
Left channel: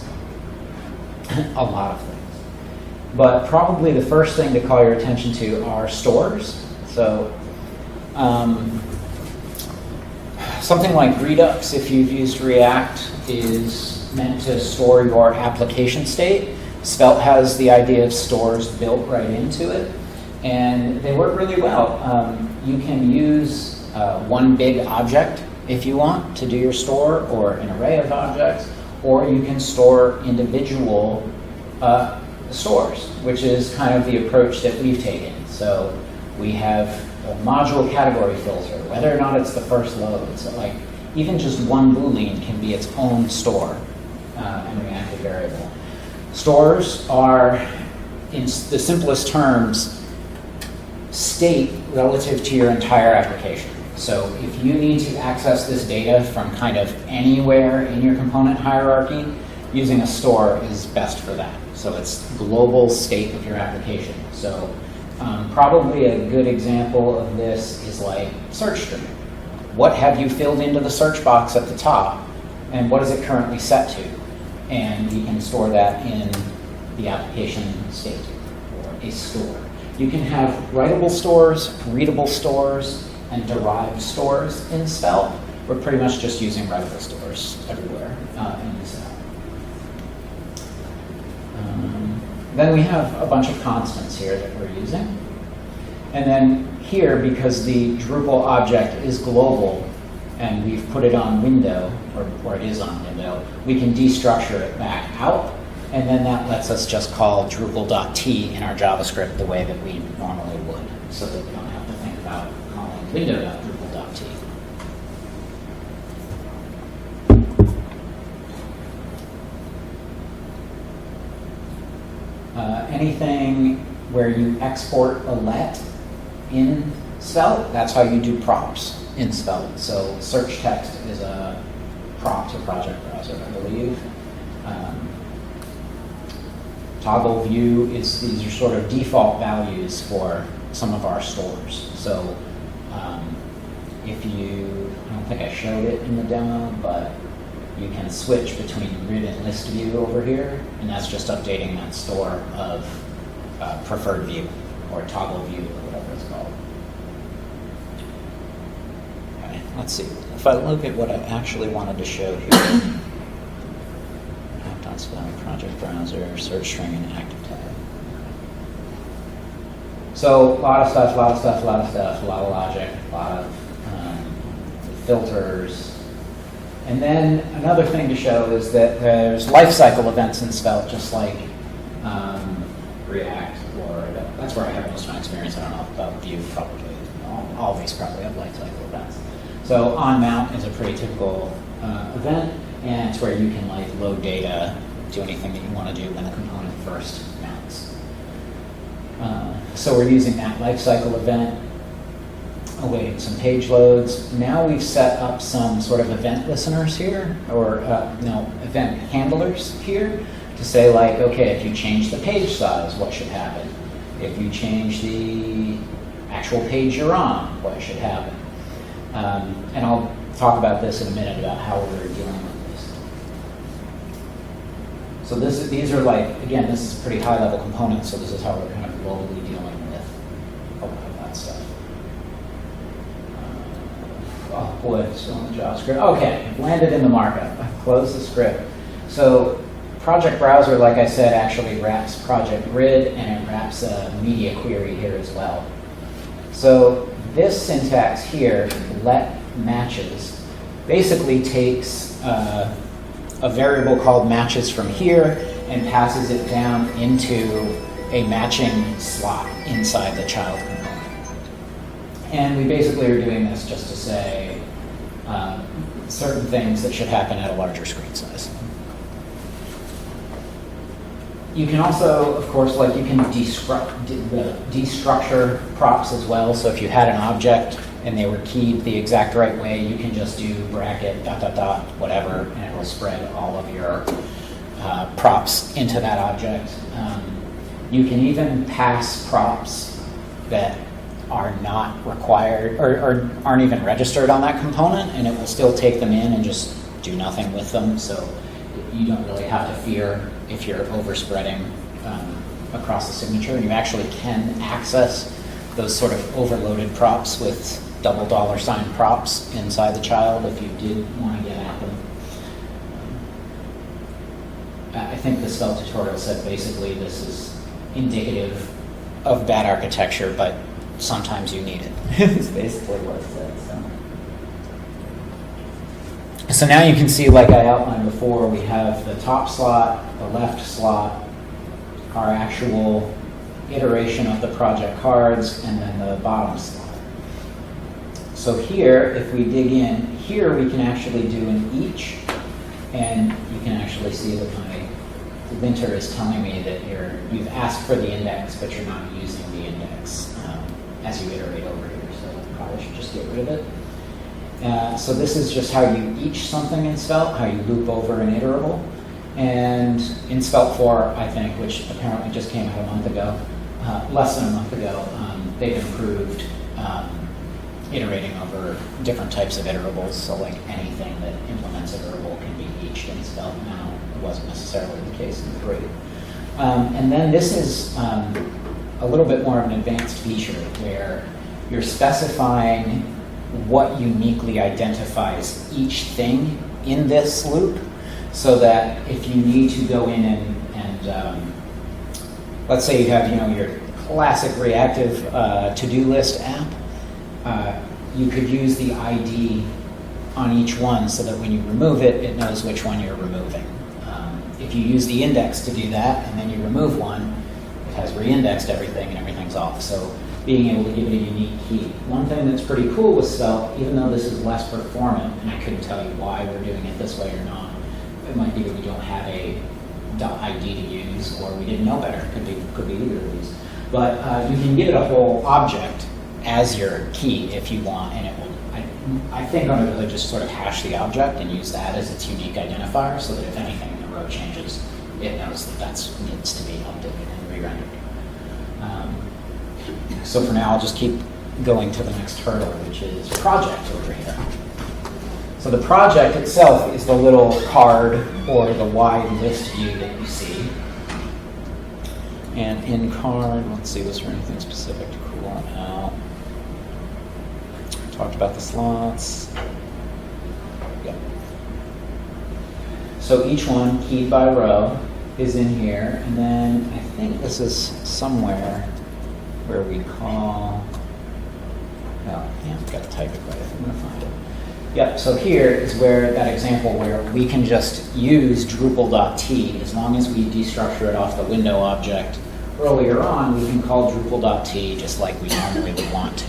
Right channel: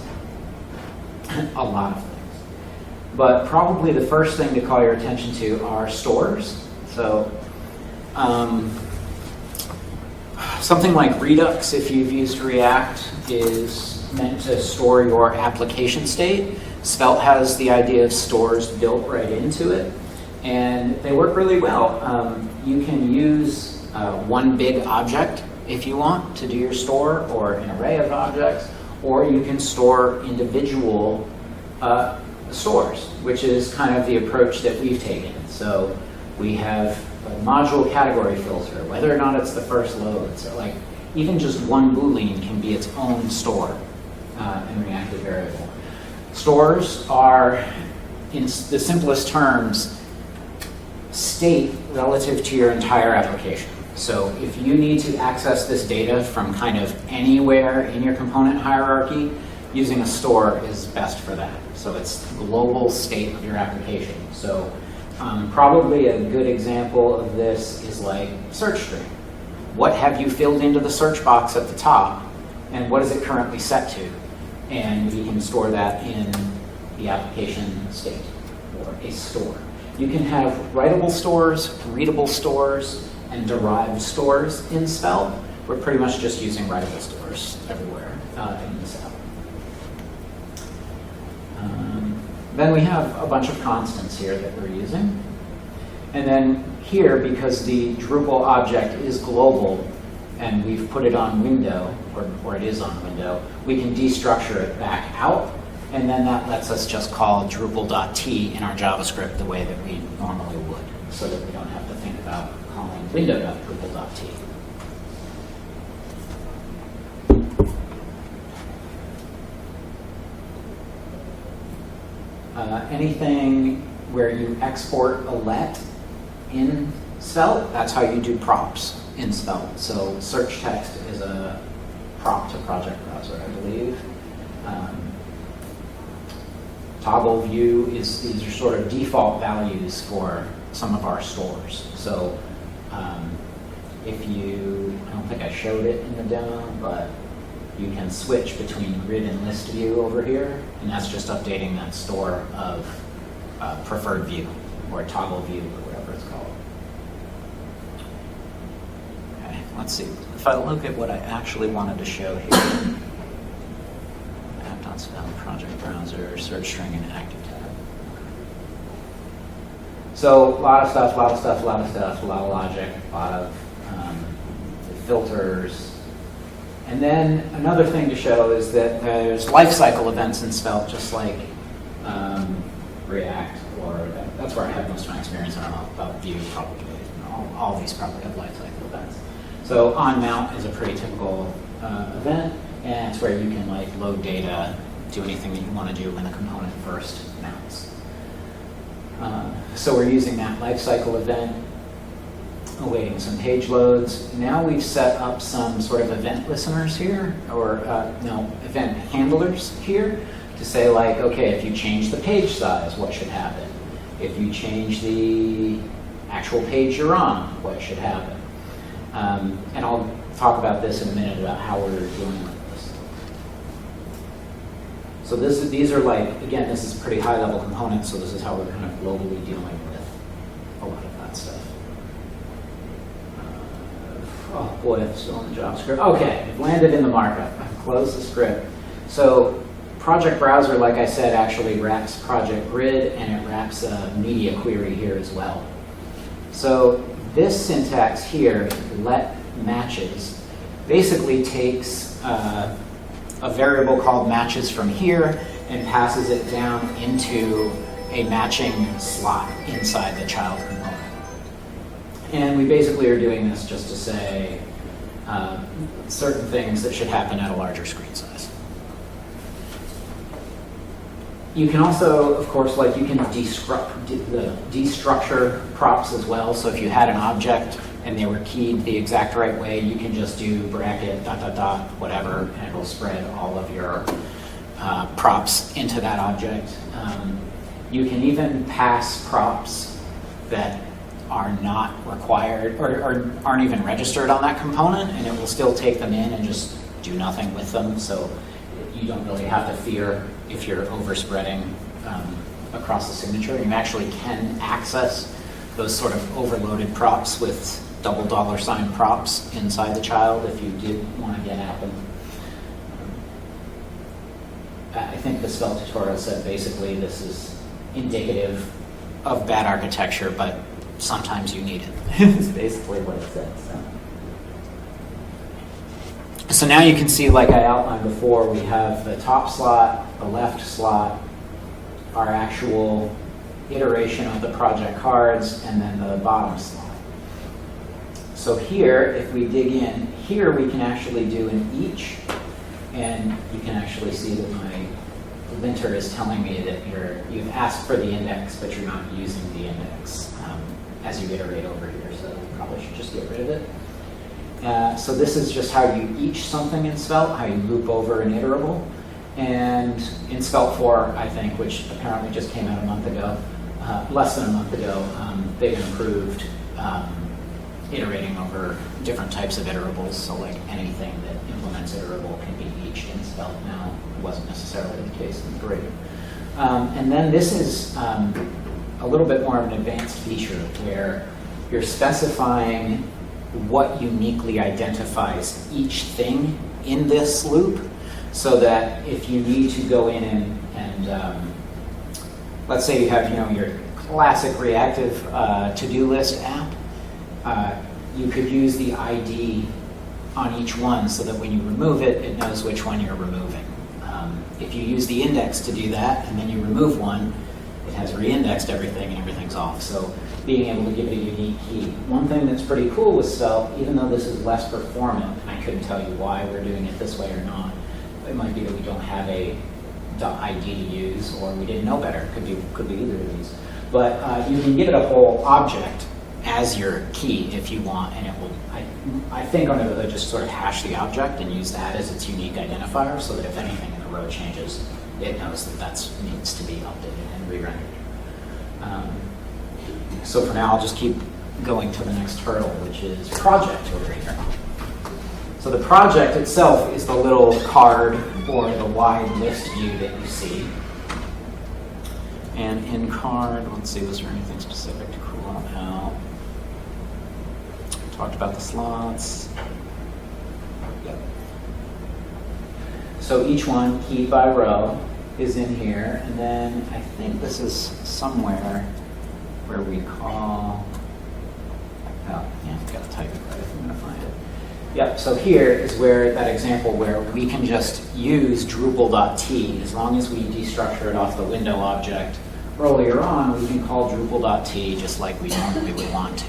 a lot of things. But probably the first thing to call your attention to are stores. So something like Redux, if you've used React, is meant to store your application state. Svelte has the idea of stores built right into it. And they work really well. You can use one big object if you want to do your store, or an array of objects, or you can store individual stores, which is kind of the approach that we've taken. So we have a module category filter, whether or not it's the first load. So like even just one Boolean can be its own store and reactive variable. Stores are, in the simplest terms, state relative to your entire application. So if you need to access this data from kind of anywhere in your component hierarchy, using a store is best for that. So it's the global state of your application. So probably a good example of this is like search string. What have you filled into the search box at the top, and what is it currently set to? And we can store that in the application state, or a store. You can have writable stores, readable stores, and derived stores in Svelte. We're pretty much just using writable stores everywhere in Svelte. Then we have a bunch of constants here that we're using. And then here, because the Drupal object is global, and we've put it on window, or it is on window, we can destructure it back out, and then that lets us just call Drupal.t in our JavaScript the way that we normally would, so that we don't have to think about calling window.Drupal.t. Anything where you export a let in Svelte, that's how you do props in Svelte. So search text is a prop to project browser, I believe. Toggle view these are sort of default values for some of our stores. So if you, I don't think I showed it in the demo, but you can switch between grid and list view over here, and that's just updating that store of preferred view, or toggle view, or whatever it's called. Okay, let's see. If I look at what I actually wanted to show here, project browser, search string, and active tab. So a lot of stuff, a lot of logic, a lot of filters. And then another thing to show is that there's lifecycle events in Svelte, just like React, or that's where I have most of my experience. I don't know about Vue, probably. All of these probably have lifecycle events. So on mount is a pretty typical event, and it's where you can like load data, do anything that you want to do when the component first mounts. So we're using that lifecycle event, awaiting some page loads. Now we've set up some sort of event listeners here, or event handlers here, to say like, okay, if you change the page size, what should happen? If you change the actual page you're on, what should happen? And I'll talk about this in a minute about how we're dealing with this. So these are like, again, this is pretty high level components, so this is how we're kind of globally dealing with a lot of that stuff. Oh boy, it's still in the JavaScript. Okay, landed in the markup. Close the script. So project browser, like I said, actually wraps project grid, and it wraps a media query here as well. So this syntax here, let matches, basically takes a variable called matches from here and passes it down into a matching slot inside the child component. And we basically are doing this just to say certain things that should happen at a larger screen size. You can also, of course, like you can destructure props as well. So if you had an object and they were keyed the exact right way, you can just do bracket, ... whatever, and it'll spread all of your props into that object. You can even pass props that are not required or aren't even registered on that component, and it will still take them in and just do nothing with them. So you don't really have to fear if you're overspreading across the signature. You actually can access those sort of overloaded props with $$ props inside the child if you did want to get at them. I think the Svelte tutorial said basically this is indicative of bad architecture, but sometimes you need it. It's basically what it says. So now you can see, like I outlined before, we have the top slot, the left slot, our actual iteration of the project cards, and then the bottom slot. So here, if we dig in, here we can actually do an each, and you can actually see that my linter is telling me that you've asked for the index, but you're not using the index as you iterate over here, so you probably should just get rid of it. So this is just how you each something in Svelte, how you loop over an iterable. And in Svelte 4, I think, which apparently just came out a month ago, less than a month ago, they've improved iterating over different types of iterables. So like anything that implements iterable can be eached in Svelte now. It wasn't necessarily the case in 3. And then this is a little bit more of an advanced feature where you're specifying what uniquely identifies each thing in this loop, so that if you need to go in and let's say you have your classic reactive to-do list app, you could use the ID on each one so that when you remove it, it knows which one you're removing. If you use the index to do that and then you remove one, it has re-indexed everything and everything's off. So being able to give you a unique key. One thing that's pretty cool with Svelte, even though this is less performant, and I couldn't tell you why we're doing it this way or not, it might be that we don't have a .id to use, or we didn't know better. Could be either of these. But you can give it a whole object as your key if you want, and it will, I think under the hood, just sort of hash the object and use that as its unique identifier, so that if anything in the row changes, it knows that that needs to be updated and re-rendered. So for now, I'll just keep going to the next hurdle, which is project over here. So the project itself is the little card or the wide list view that you see. And in card, let's see, was there anything specific to cool on out? Talked about the slots. Yep. So each one, keyed by row, is in here. And then I think this is somewhere where we call, I've got to type it right, I'm going to find it. Yep, so here is where that example where we can just use Drupal.t as long as we destructure it off the window object. Earlier on, we can call Drupal.t just like we normally would want to.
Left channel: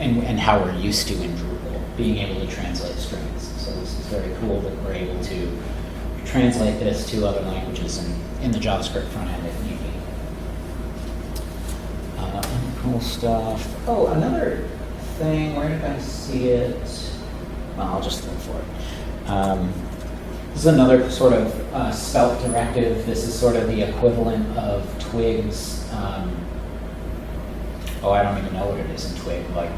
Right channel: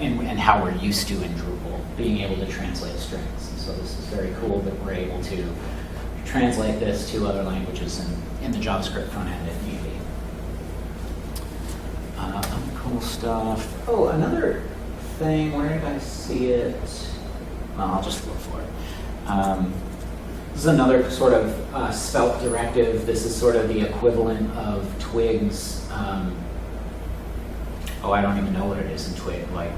And how we're used to in Drupal, being able to translate strings. So this is very cool that we're able to translate this to other languages in the JavaScript front end if need be. Cool stuff. Oh, another thing, where did I see it? Well, I'll just look for it. This is another sort of Svelte directive. This is sort of the equivalent of Twig's, I don't even know what it is in Twig, like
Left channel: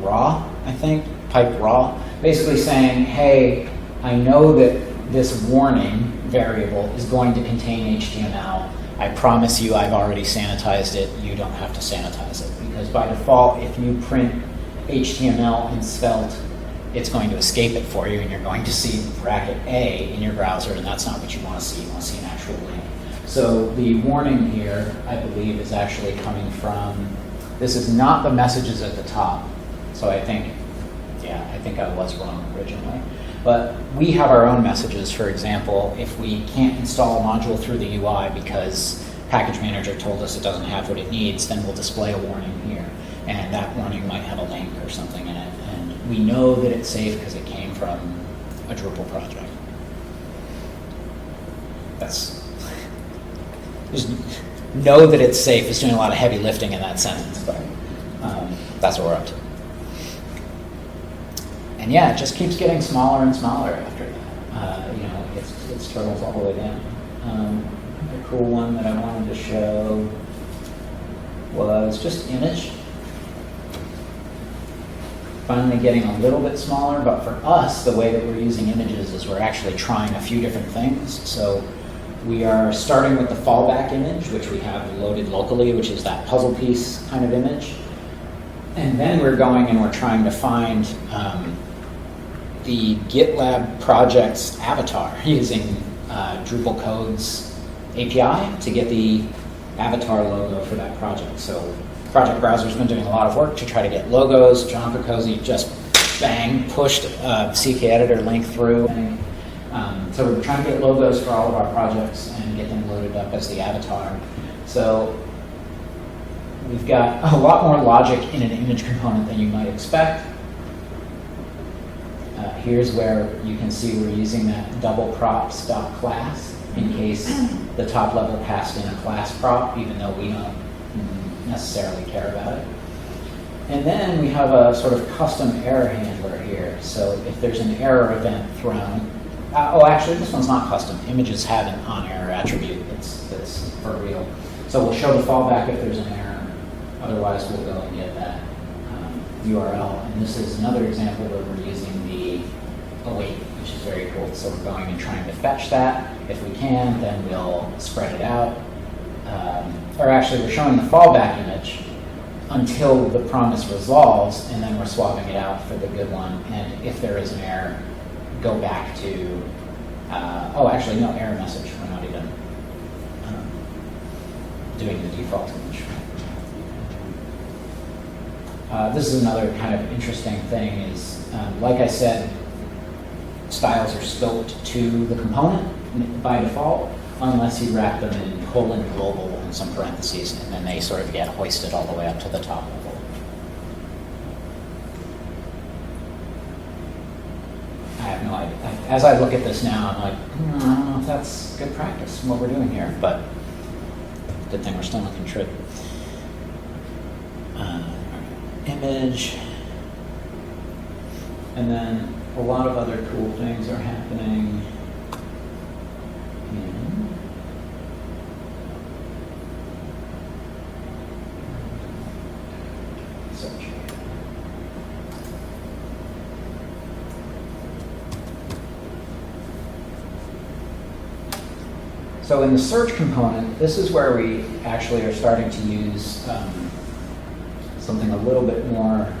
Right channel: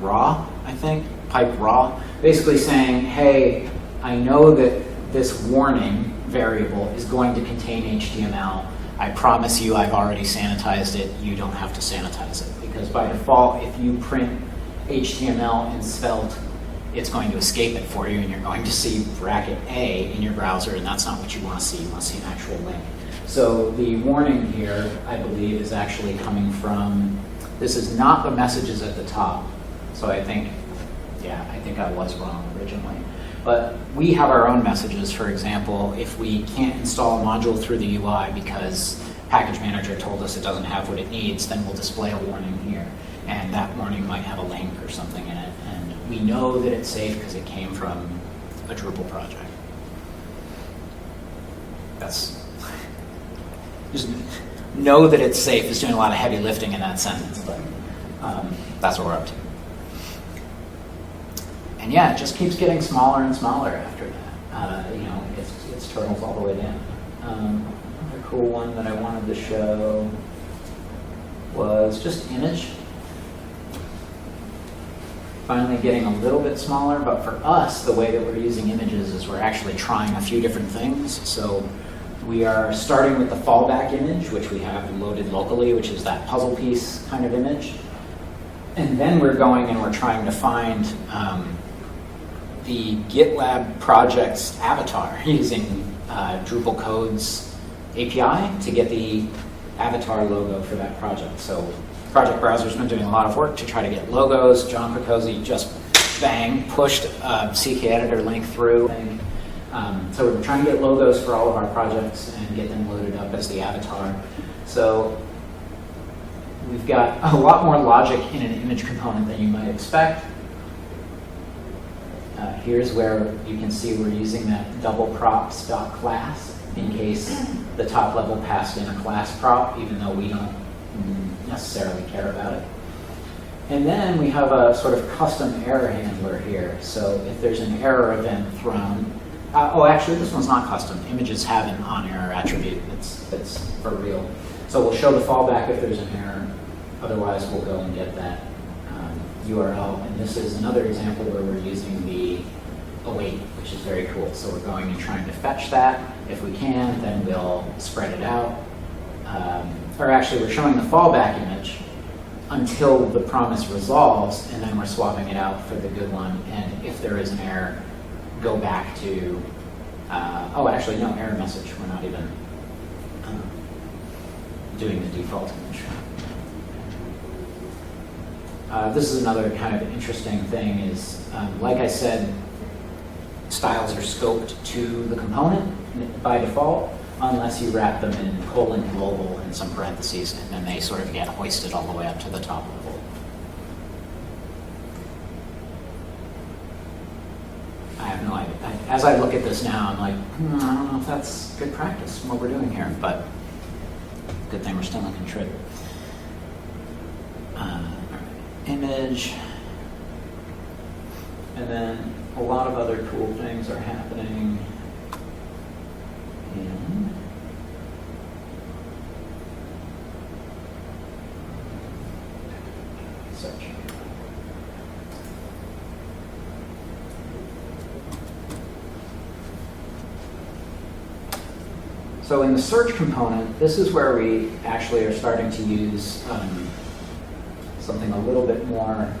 raw, I think, pipe raw. Basically saying, hey, I know that this warning variable is going to contain HTML. I promise you I've already sanitized it. You don't have to sanitize it. Because by default, if you print HTML in Svelte, it's going to escape it for you, and you're going to see bracket A in your browser, and that's not what you want to see. You want to see an actual link. So the warning here, I believe, is actually coming from, this is not the messages at the top. So I think I was wrong originally. But we have our own messages. For example, if we can't install a module through the UI because Package Manager told us it doesn't have what it needs, then we'll display a warning here. And that warning might have a link or something in it. And we know that it's safe because it came from a Drupal project. Just know that it's safe. It's doing a lot of heavy lifting in that sentence, but that's what we're up to. And yeah, it just keeps getting smaller and smaller after that. It's turtles all the way down. Another cool one that I wanted to show was just image. Finally getting a little bit smaller, but for us, the way that we're using images is we're actually trying a few different things. So we are starting with the fallback image, which we have loaded locally, which is that puzzle piece kind of image. And then we're going and we're trying to find the GitLab project's avatar using Drupal codes API to get the avatar logo for that project. So Project Browser's been doing a lot of work to try to get logos. John Picosi just bang, pushed CK Editor link through. So we're trying to get logos for all of our projects and get them loaded up as the avatar. So we've got a lot more logic in an image component than you might expect. Here's where you can see we're using that double prop stock class in case the top level passed in a class prop, even though we don't necessarily care about it. And then we have a sort of custom error handler here. So if there's an error event thrown, oh, actually, this one's not custom. Images have an on-error attribute that's for real. So we'll show the fallback if there's an error. Otherwise, we'll go and get that URL. And this is another example where we're using the await, which is very cool. So we're going and trying to fetch that. If we can, then we'll spread it out. Or actually, we're showing the fallback image until the promise resolves, and then we're swapping it out for the good one. And if there is an error, go back to, oh, actually, no, error message. We're not even doing the default image. This is another kind of interesting thing is, like I said, styles are scoped to the component by default, unless you wrap them in :global and some parentheses, and then they sort of get hoisted all the way up to the top level. I have no idea. As I look at this now, I'm like, I don't know if that's good practice, what we're doing here, but good thing we're still in contrib. Image, and then a lot of other cool things are happening. So in the search component, this is where we actually are starting to use something a little bit more,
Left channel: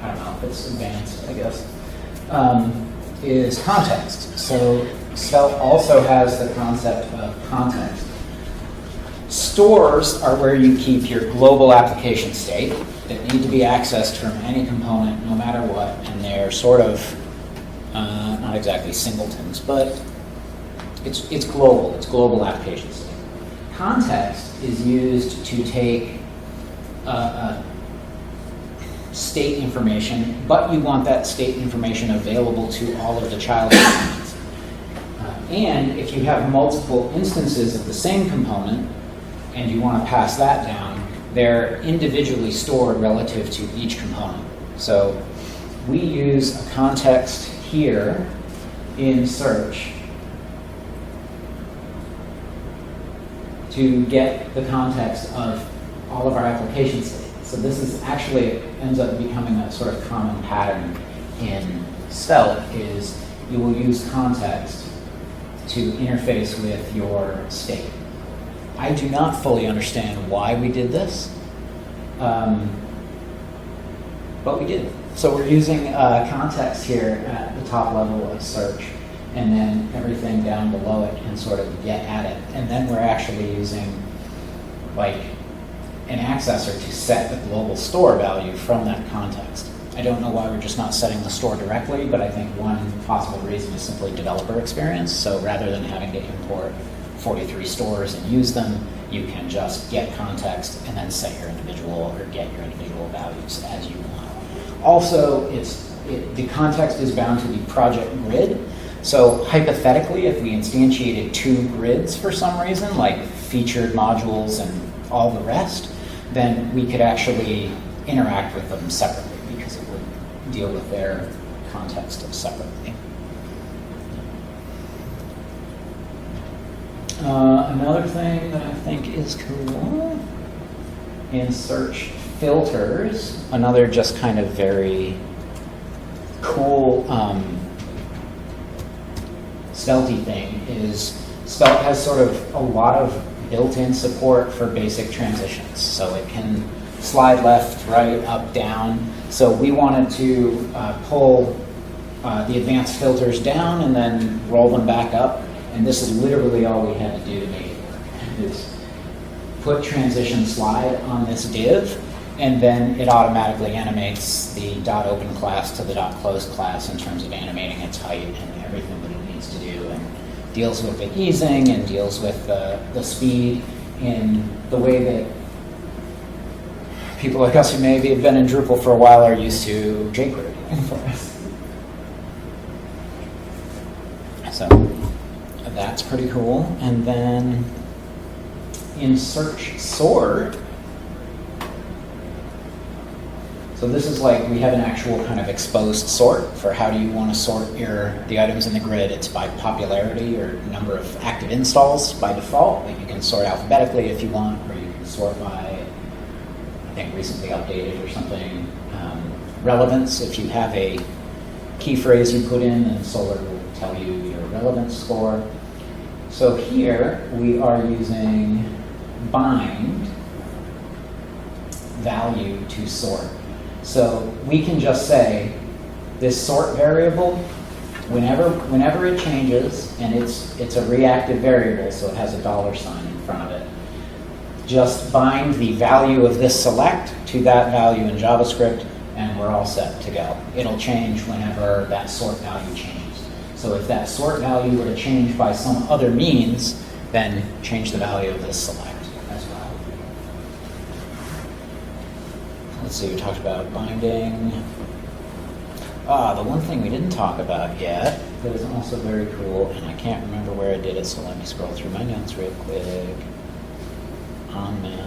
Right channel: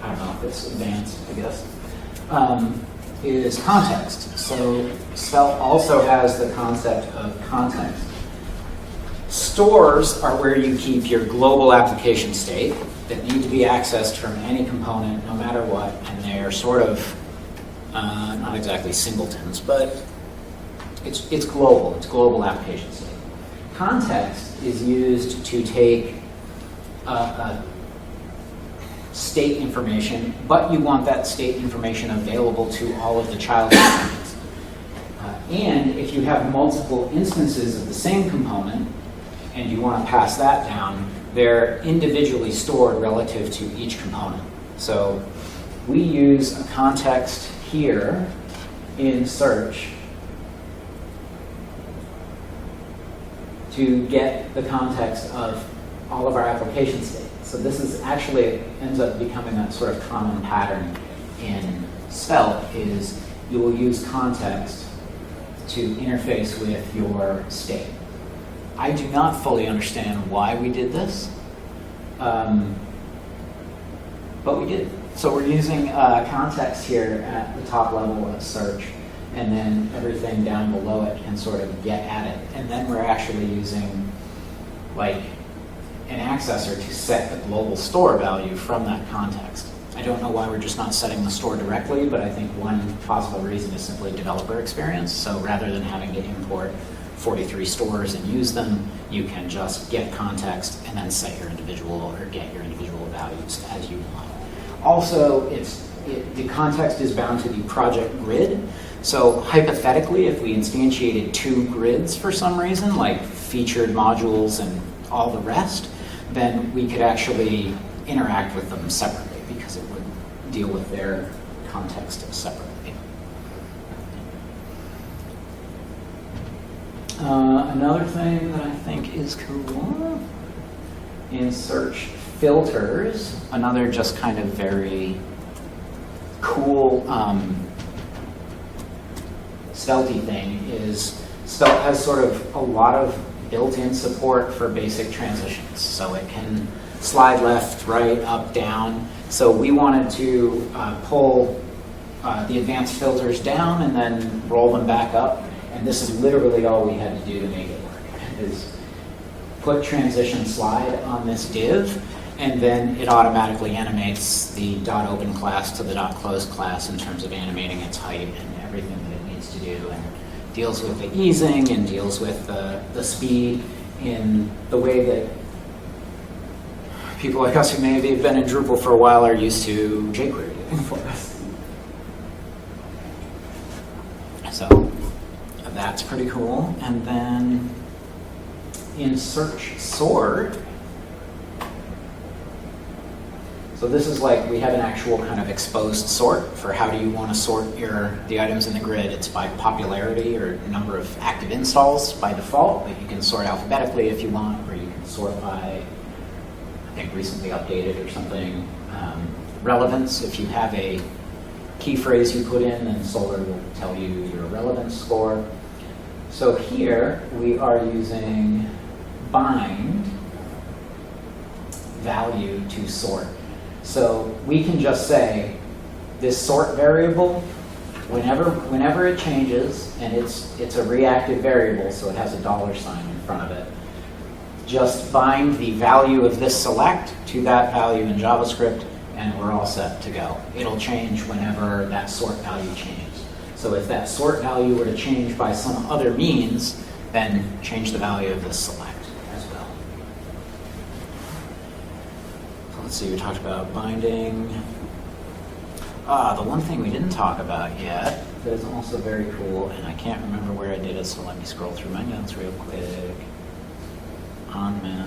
I don't know if it's advanced, I guess, is context. So Svelte also has the concept of context. Stores are where you keep your global application state that need to be accessed from any component, no matter what, and they're sort of, not exactly singletons, but it's global, it's global application state. Context is used to take state information, but you want that state information available to all of the child components. And if you have multiple instances of the same component, and you want to pass that down, they're individually stored relative to each component. So we use a context here in search to get the context of all of our application state. So this is actually, it ends up becoming a sort of common pattern in Svelte, is you will use context to interface with your state. I do not fully understand why we did this, but we did. So we're using context here at the top level of search, and then everything down below it can sort of get at it. And then we're actually using like an accessor to set the global store value from that context. I don't know why we're just not setting the store directly, but I think one possible reason is simply developer experience. So rather than having to import 43 stores and use them, you can just get context and then set your individual or get your individual values as you want. Also, the context is bound to the project grid. So hypothetically, if we instantiated 2 grids for some reason, like featured modules and all the rest, then we could actually interact with them separately because it would deal with their context separately. Another thing that I think is cool in search filters, another just kind of very cool Svelte thing is Svelte has sort of a lot of built-in support for basic transitions. So it can slide left, right, up, down. So we wanted to pull the advanced filters down and then roll them back up. And this is literally all we had to do to make it work. It's put transition slide on this div, and then it automatically animates the .open class to the .close class in terms of animating its height and everything that it needs to do, and deals with the easing and deals with the speed in the way that people like us who maybe have been in Drupal for a while are used to jQuery for us. So that's pretty cool. And then in search sort, so this is like we have an actual kind of exposed sort for how do you want to sort the items in the grid. It's by popularity or number of active installs by default, but you can sort alphabetically if you want, or you can sort by, I think, recently updated or something. Relevance, if you have a key phrase you put in, then Solar will tell you your relevance score. So here we are using bind value to sort. So we can just say this sort variable, whenever it changes, and it's a reactive variable, so it has a $sign in front of it, just bind the value of this select to that value in JavaScript, and we're all set to go. It'll change whenever that sort value changes. So if that sort value were to change by some other means, then change the value of this select as well. Let's see, we talked about binding. The one thing we didn't talk about yet that is also very cool, and I can't remember where I did it, so let me scroll through my notes real quick. On now,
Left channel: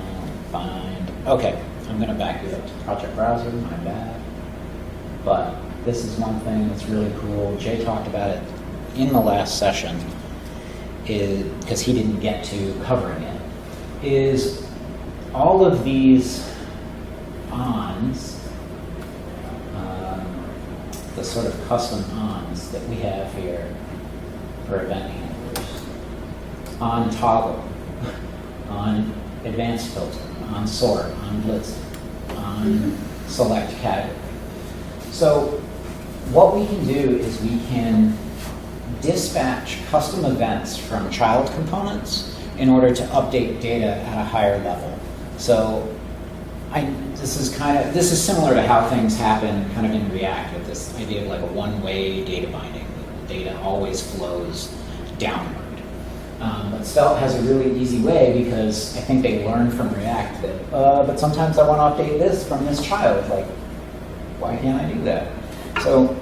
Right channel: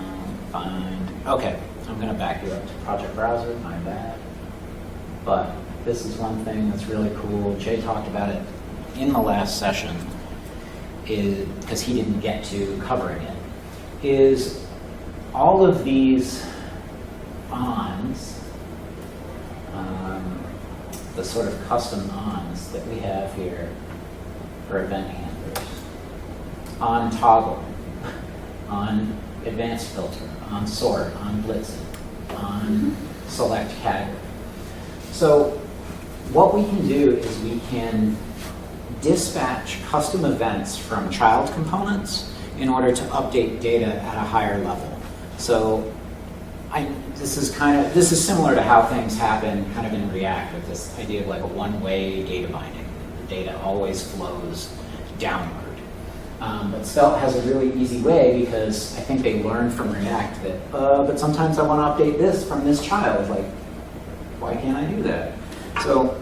bind. Okay, I'm going to back you up to Project Browser, my bad. But this is one thing that's really cool. Jay talked about it in the last session, because he didn't get to covering it, is all of these ons, the sort of custom ons that we have here for event handlers, on toggle, on advanced filter, on sort, on list, on select category. So what we can do is we can dispatch custom events from child components in order to update data at a higher level. So this is similar to how things happen kind of in React, with this idea of like a one-way data binding. The data always flows downward. But Svelte has a really easy way, because I think they learned from React that, but sometimes I want to update this from this child. Like, why can't I do that? So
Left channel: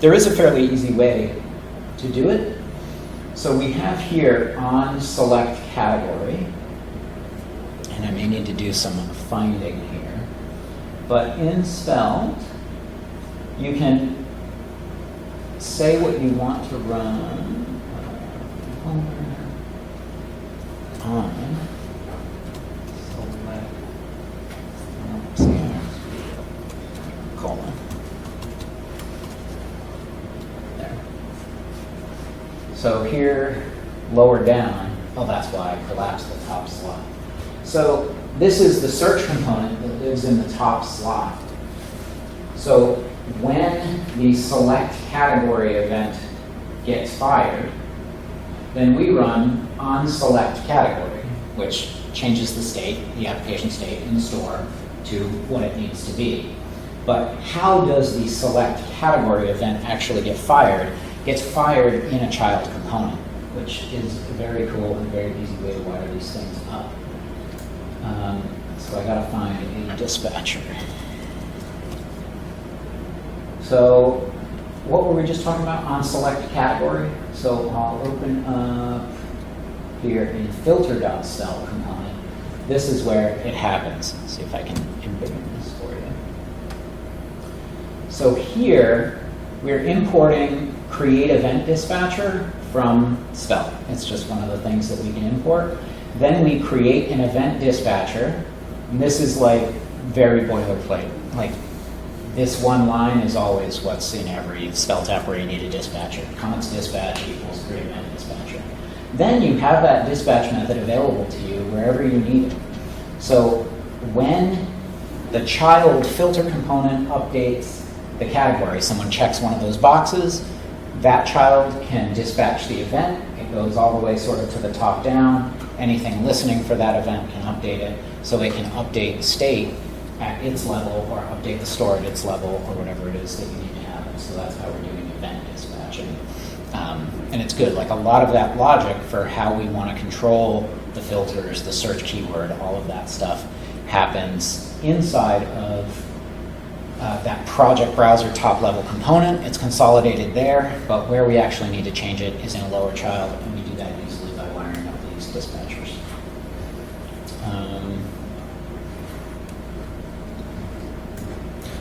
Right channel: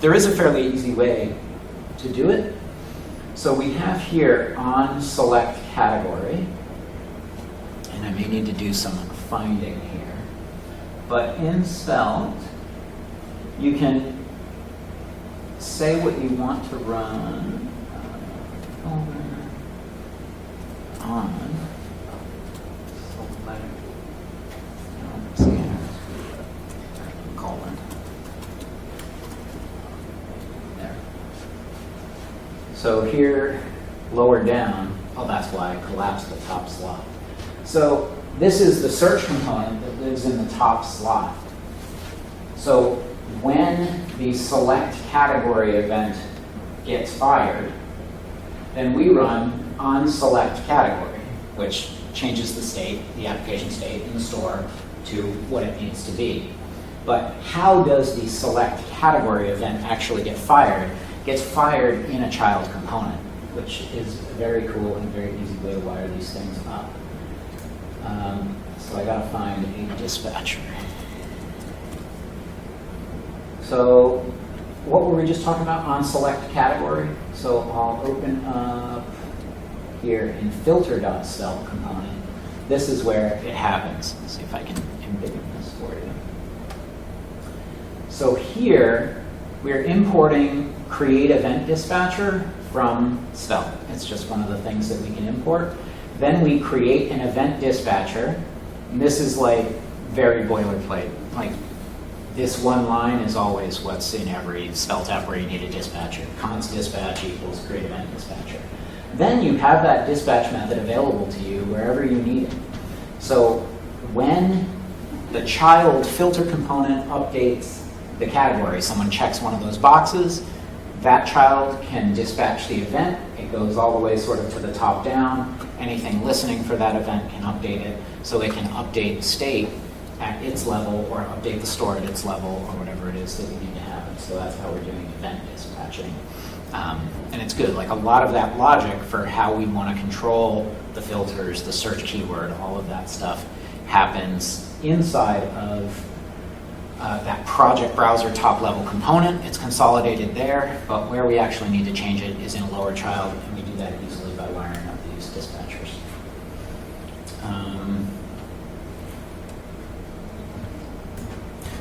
there is a fairly easy way to do it. So we have here on select category, and I may need to do some finding here, but in Svelte, you can say what you want to run on colon. There. So here, lower down, oh, that's why I collapsed the top slot. So this is the search component that lives in the top slot. So when the select category event gets fired, then we run on select category, which changes the state, the application state in store, to what it needs to be. But how does the select category event actually get fired? It's fired in a child component, which is a very cool and very easy way to wire these things up. So I gotta find a dispatcher. So what were we just talking about on select category? So I'll open up here in filter.cell component. This is where it happens. Let's see if I can embiggen this for you. So here, we're importing create event dispatcher from Svelte. It's just one of the things that we can import. Then we create an event dispatcher. And this is like very boilerplate. Like this one line is always what's in every Svelte app where you need a dispatcher. Comments dispatch equals create event dispatcher. Then you have that dispatch method available to you wherever you need it. So when the child filter component updates the category, someone checks one of those boxes, that child can dispatch the event, it It goes all the way sort of to the top down. Anything listening for that event can update it. So it can update the state at its level or update the store at its level or whatever it is that we need to have. So that's how we're doing event dispatching. And it's good. Like a lot of that logic for how we want to control the filters, the search keyword, all of that stuff happens inside of that project browser top level component. It's consolidated there, but where we actually need to change it is in a lower child, and we do that easily by wiring up these dispatchers.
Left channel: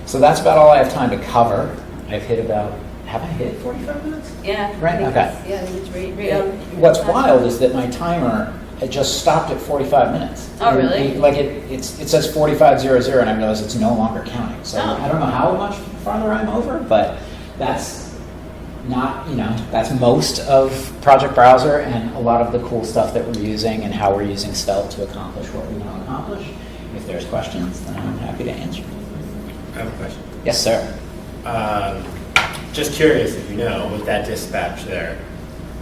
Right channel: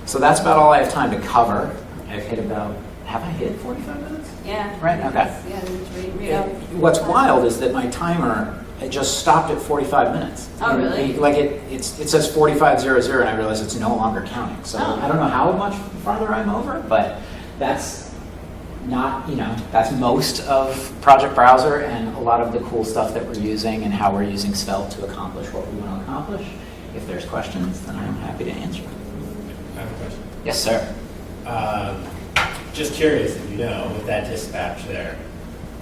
So that's about all I have time to cover. I've hit about, have I hit 45 minutes? Yeah. Right, okay. Yeah, it's right up. What's wild is that my timer, it just stopped at 45 minutes. Oh, really? Like it says 45:00, and I realize it's no longer counting. So Oh. I don't know how much farther I'm over, but that's not, that's most of Project Browser and a lot of the cool stuff that we're using and how we're using Svelte to accomplish what we want to accomplish. If there's questions, then I'm happy to answer. I have a question. Yes, sir. Just curious if you know, with that dispatch there,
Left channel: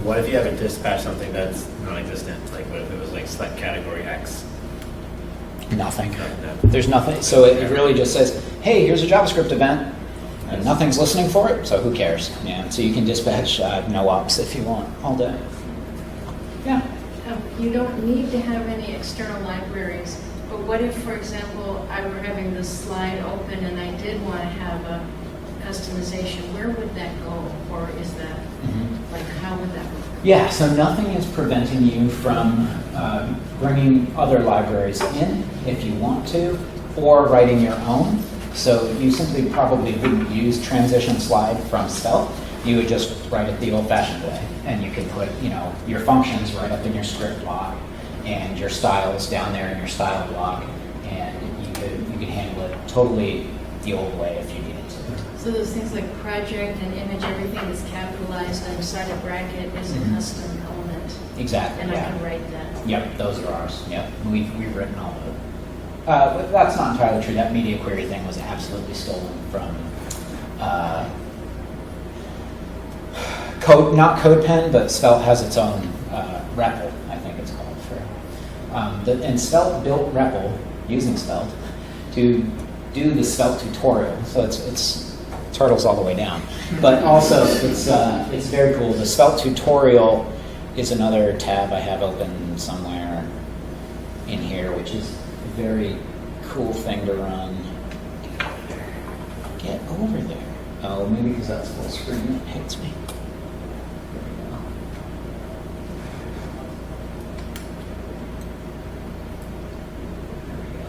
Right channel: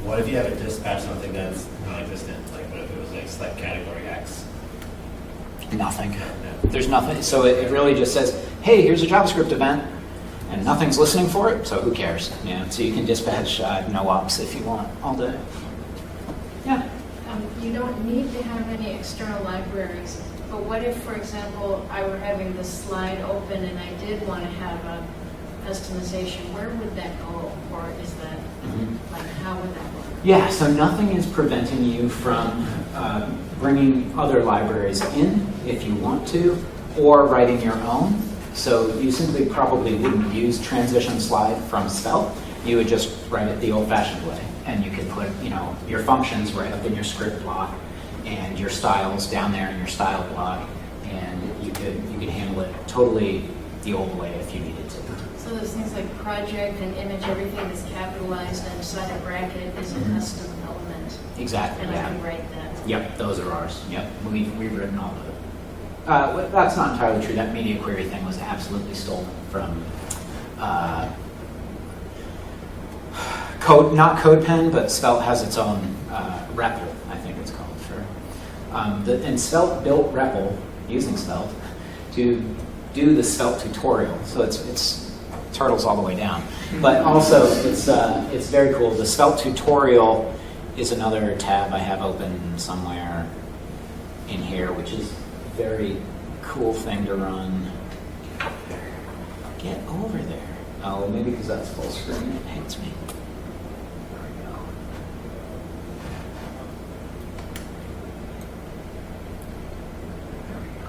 what if you have a dispatch something that's non-existent? Like what if it was like select category X? Nothing. No. There's nothing. So it really just says, hey, here's a JavaScript event, and nothing's listening for it, so who cares? So you can dispatch no ops if you want all day. Yeah. You don't need to have any external libraries, but what if, for example, I were having the slide open and I did want to have a customization? Where would that go, or is that, like, how would that go? Yeah, so nothing is preventing you from bringing other libraries in if you want to, or writing your own. So you simply probably wouldn't use transition slide from Svelte. You would just write it the old-fashioned way, and you could put, your functions right up in your script block, and your styles down there in your style block, and you could handle it totally the old way if you needed to. So those things like project and image, everything that's capitalized inside a bracket is a custom element, Exactly. and I Yeah. can write that. Yep, those are ours. Yep, we've written all of it. But that's not entirely true. That media query thing was absolutely stolen from Code, not CodePen, but Svelte has its own REPL, I think it's called. And Svelte built REPL using Svelte to do the Svelte tutorial. So it's turtles all the way down. But also it's very cool. The Svelte tutorial is another tab I have open somewhere in here, which is a very cool thing to run. Get over there. Oh, maybe because that's full screen, it hits me. There we go. There we go.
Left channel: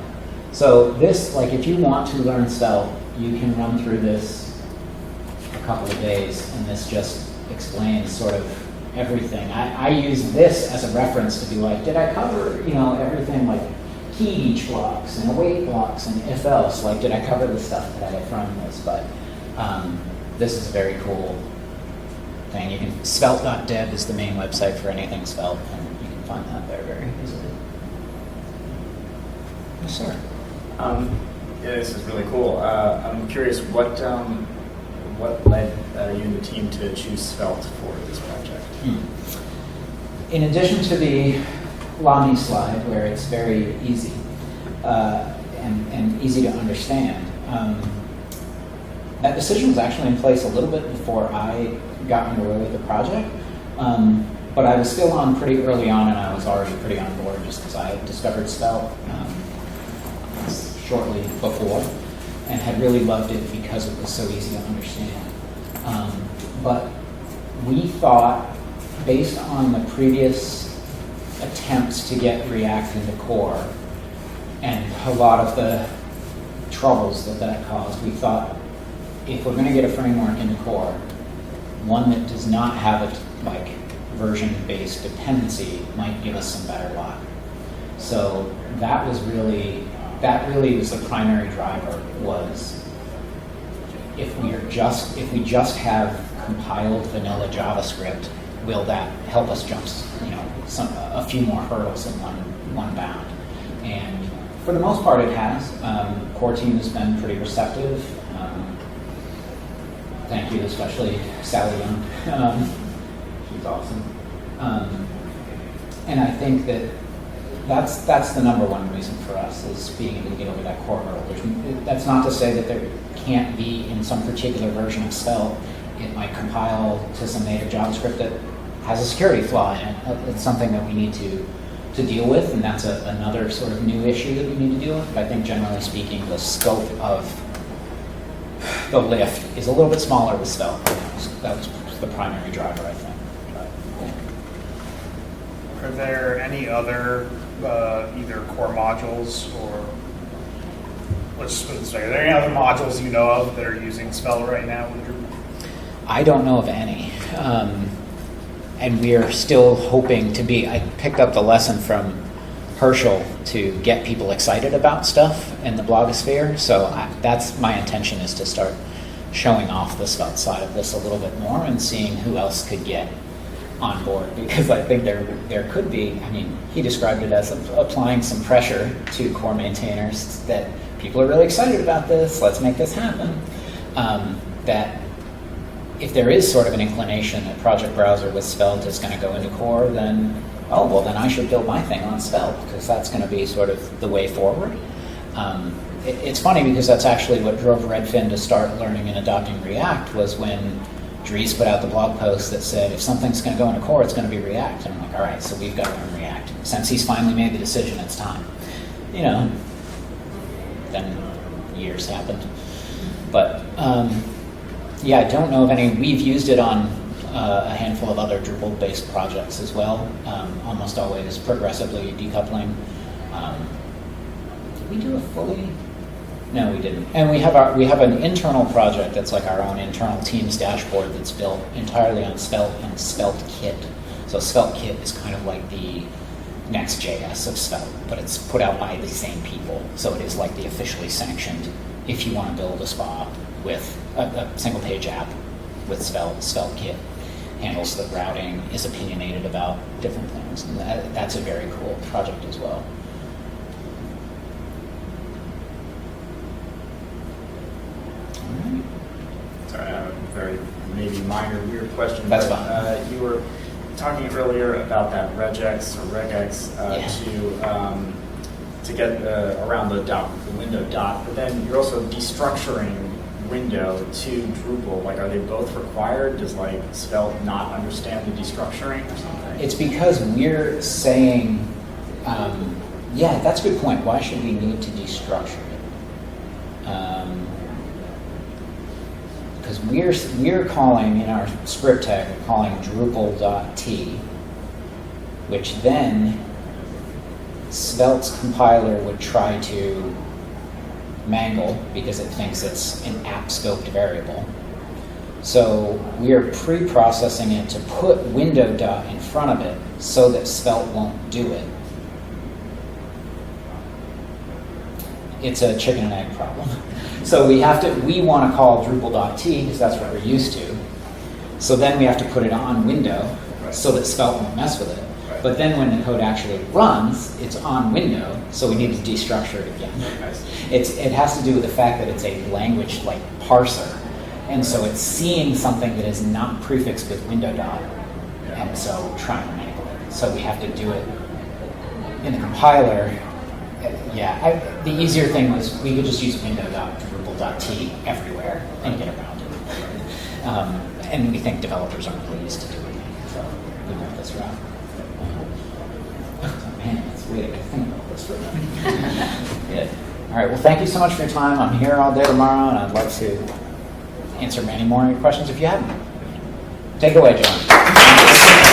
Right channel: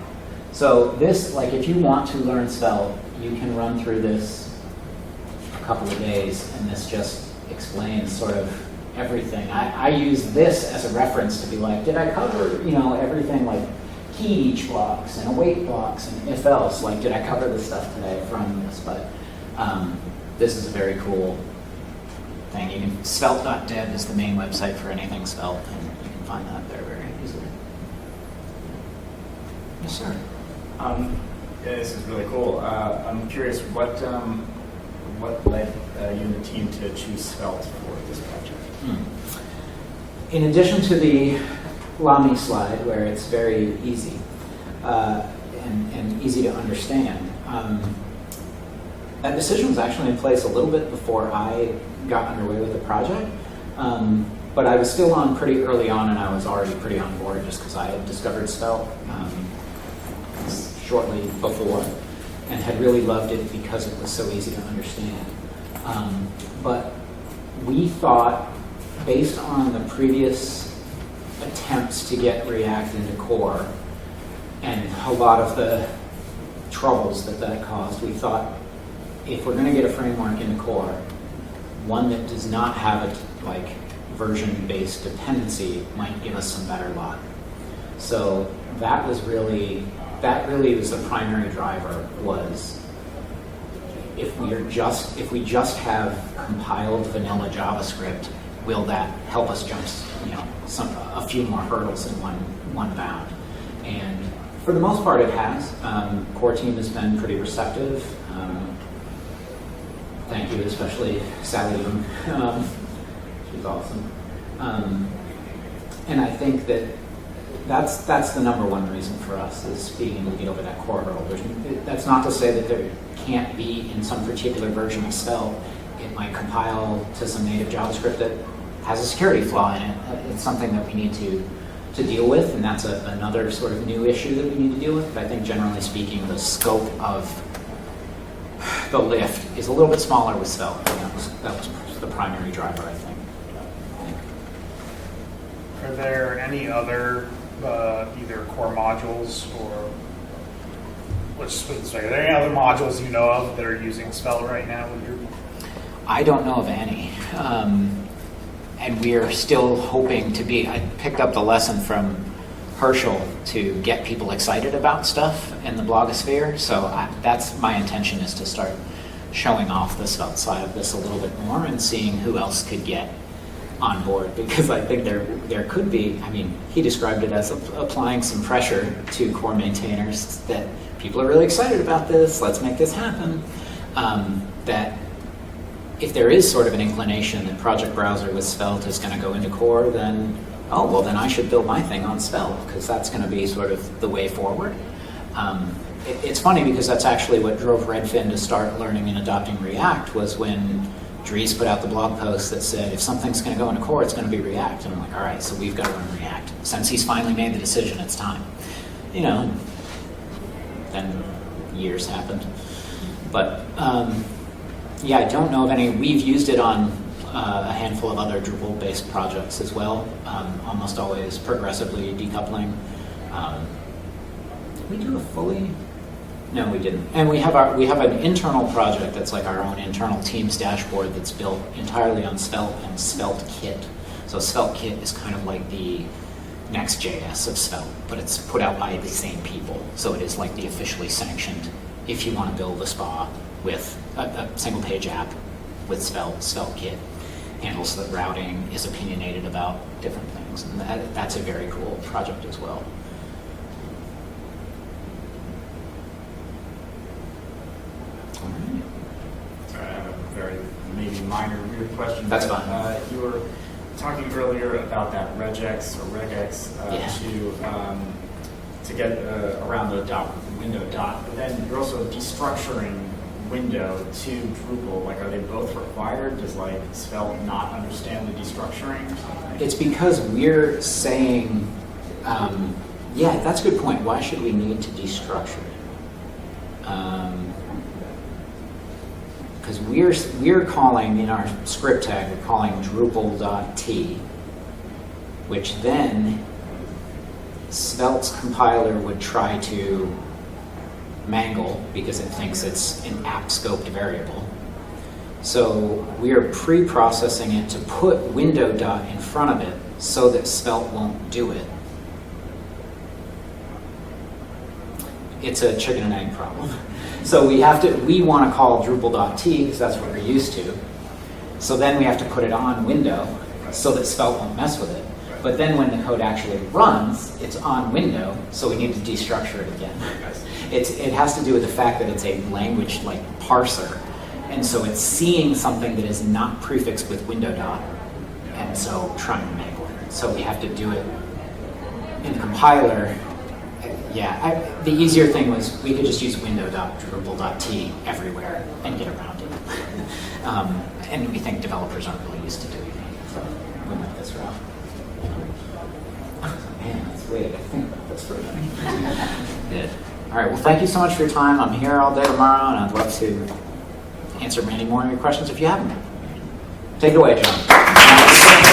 So this, like, if you want to learn Svelte, you can run through this a couple of days, and this just explains sort of everything. I use this as a reference to be like, did I cover, everything like key each blocks and await blocks and if else? Like, did I cover this stuff today from this? But this is a very cool thing. You can, svelte.dev is the main website for anything Svelte, and you can find that there very easily. Yes, sir. Yeah, this is really cool. I'm curious, what led you and the team to choose Svelte for this project? In addition to the Lamy slide, where it's very easy and easy to understand, that decision was actually in place a little bit before I got underway with the project. But I was still on pretty early on, and I was already pretty on board just because I had discovered Svelte shortly before and had really loved it because it was so easy to understand. But we thought, based on the previous attempts to get React into core and a lot of the troubles that caused, we thought if we're going to get a framework into core, one that does not have a version-based dependency might give us some better luck. So that really was the primary driver. Was if we just have compiled vanilla JavaScript, will that help us jump a few more hurdles in one bound? And for the most part, it has. Core team has been pretty receptive. Thank you, especially Sally Young. She's awesome. And I think that's the number one reason for us is being able to get over that core hurdle. That's not to say that there can't be in some particular version of Svelte, it might compile to some native JavaScript that has a security flaw in it. It's something that we need to deal with, and that's another sort of new issue that we need to deal with. But I think generally speaking, the scope of the lift is a little bit smaller with Svelte. That was the primary driver, I think. Are there any other either core modules or let's put it this way, are there any other modules you know of that are using Svelte right now with Drupal? I don't know of any. And we are still hoping to be, I picked up the lesson from Herschel to get people excited about stuff in the blogosphere. So that's my intention, is to start showing off the Svelte side of this a little bit more and seeing who else could get on board, because I think there could be, I mean, he described it as applying some pressure to core maintainers that people are really excited about this, let's make this happen. That if there is sort of an inclination that Project Browser with Svelte is going to go into core, then, oh, well, then I should build my thing on Svelte, because that's going to be sort of the way forward. It's funny because that's actually what drove Redfin to start learning and adopting React, was when Dries put out the blog post that said, if something's going to go into core, it's going to be React. And I'm like, all right, so we've got to learn React. Since he's finally made the decision, it's time. You know, then years happened. But yeah, I don't know of any. We've used it on a handful of other Drupal-based projects as well, almost always progressively decoupling. Did we do a fully? No, we didn't. And we have an internal project that's like our own internal team's dashboard that's built entirely on Svelte and Svelte Kit. So Svelte Kit is kind of like the Next.js of Svelte, but it's put out by the same people. So it is like the officially sanctioned, if you want to build a spa with a single page app with Svelte Kit, handles the routing, is opinionated about different things. And that's a very cool project as well. Sorry, I have a very maybe minor weird question. That's but, fine. You were talking earlier about that regex or regex to get around the window dot, but then you're also destructuring window to Drupal. Like, are they both required? Does like Svelte not understand the destructuring or something? It's because we're saying, yeah, that's a good point. Why should we need to destructure it? Because we're calling, in our script tag, we're calling Drupal.t, which then Svelte's compiler would try to mangle because it thinks it's an app scope variable. So we are pre-processing it to put window dot in front of it so that Svelte won't do it. It's a chicken and egg problem. So we want to call Drupal.t because that's what we're used to. So then we have to put it on window so that Svelte won't mess with it. But then when the code actually runs, it's on window, so we need to destructure it again. It has to do with the fact that it's a language like parser. And so it's seeing something that is not prefixed with window dot, and so trying to make it. So we have to do it in the compiler. Yeah, the easier thing was we could just use window dot Drupal.t everywhere and get around it. And we think developers aren't really used to doing that, so we went this route. Man, that's weird. I think about this for a minute. Good. All right, well, thank you so much for your time. I'm here all day tomorrow, and I'd love to answer any more of your questions if you have them. Take it away, John.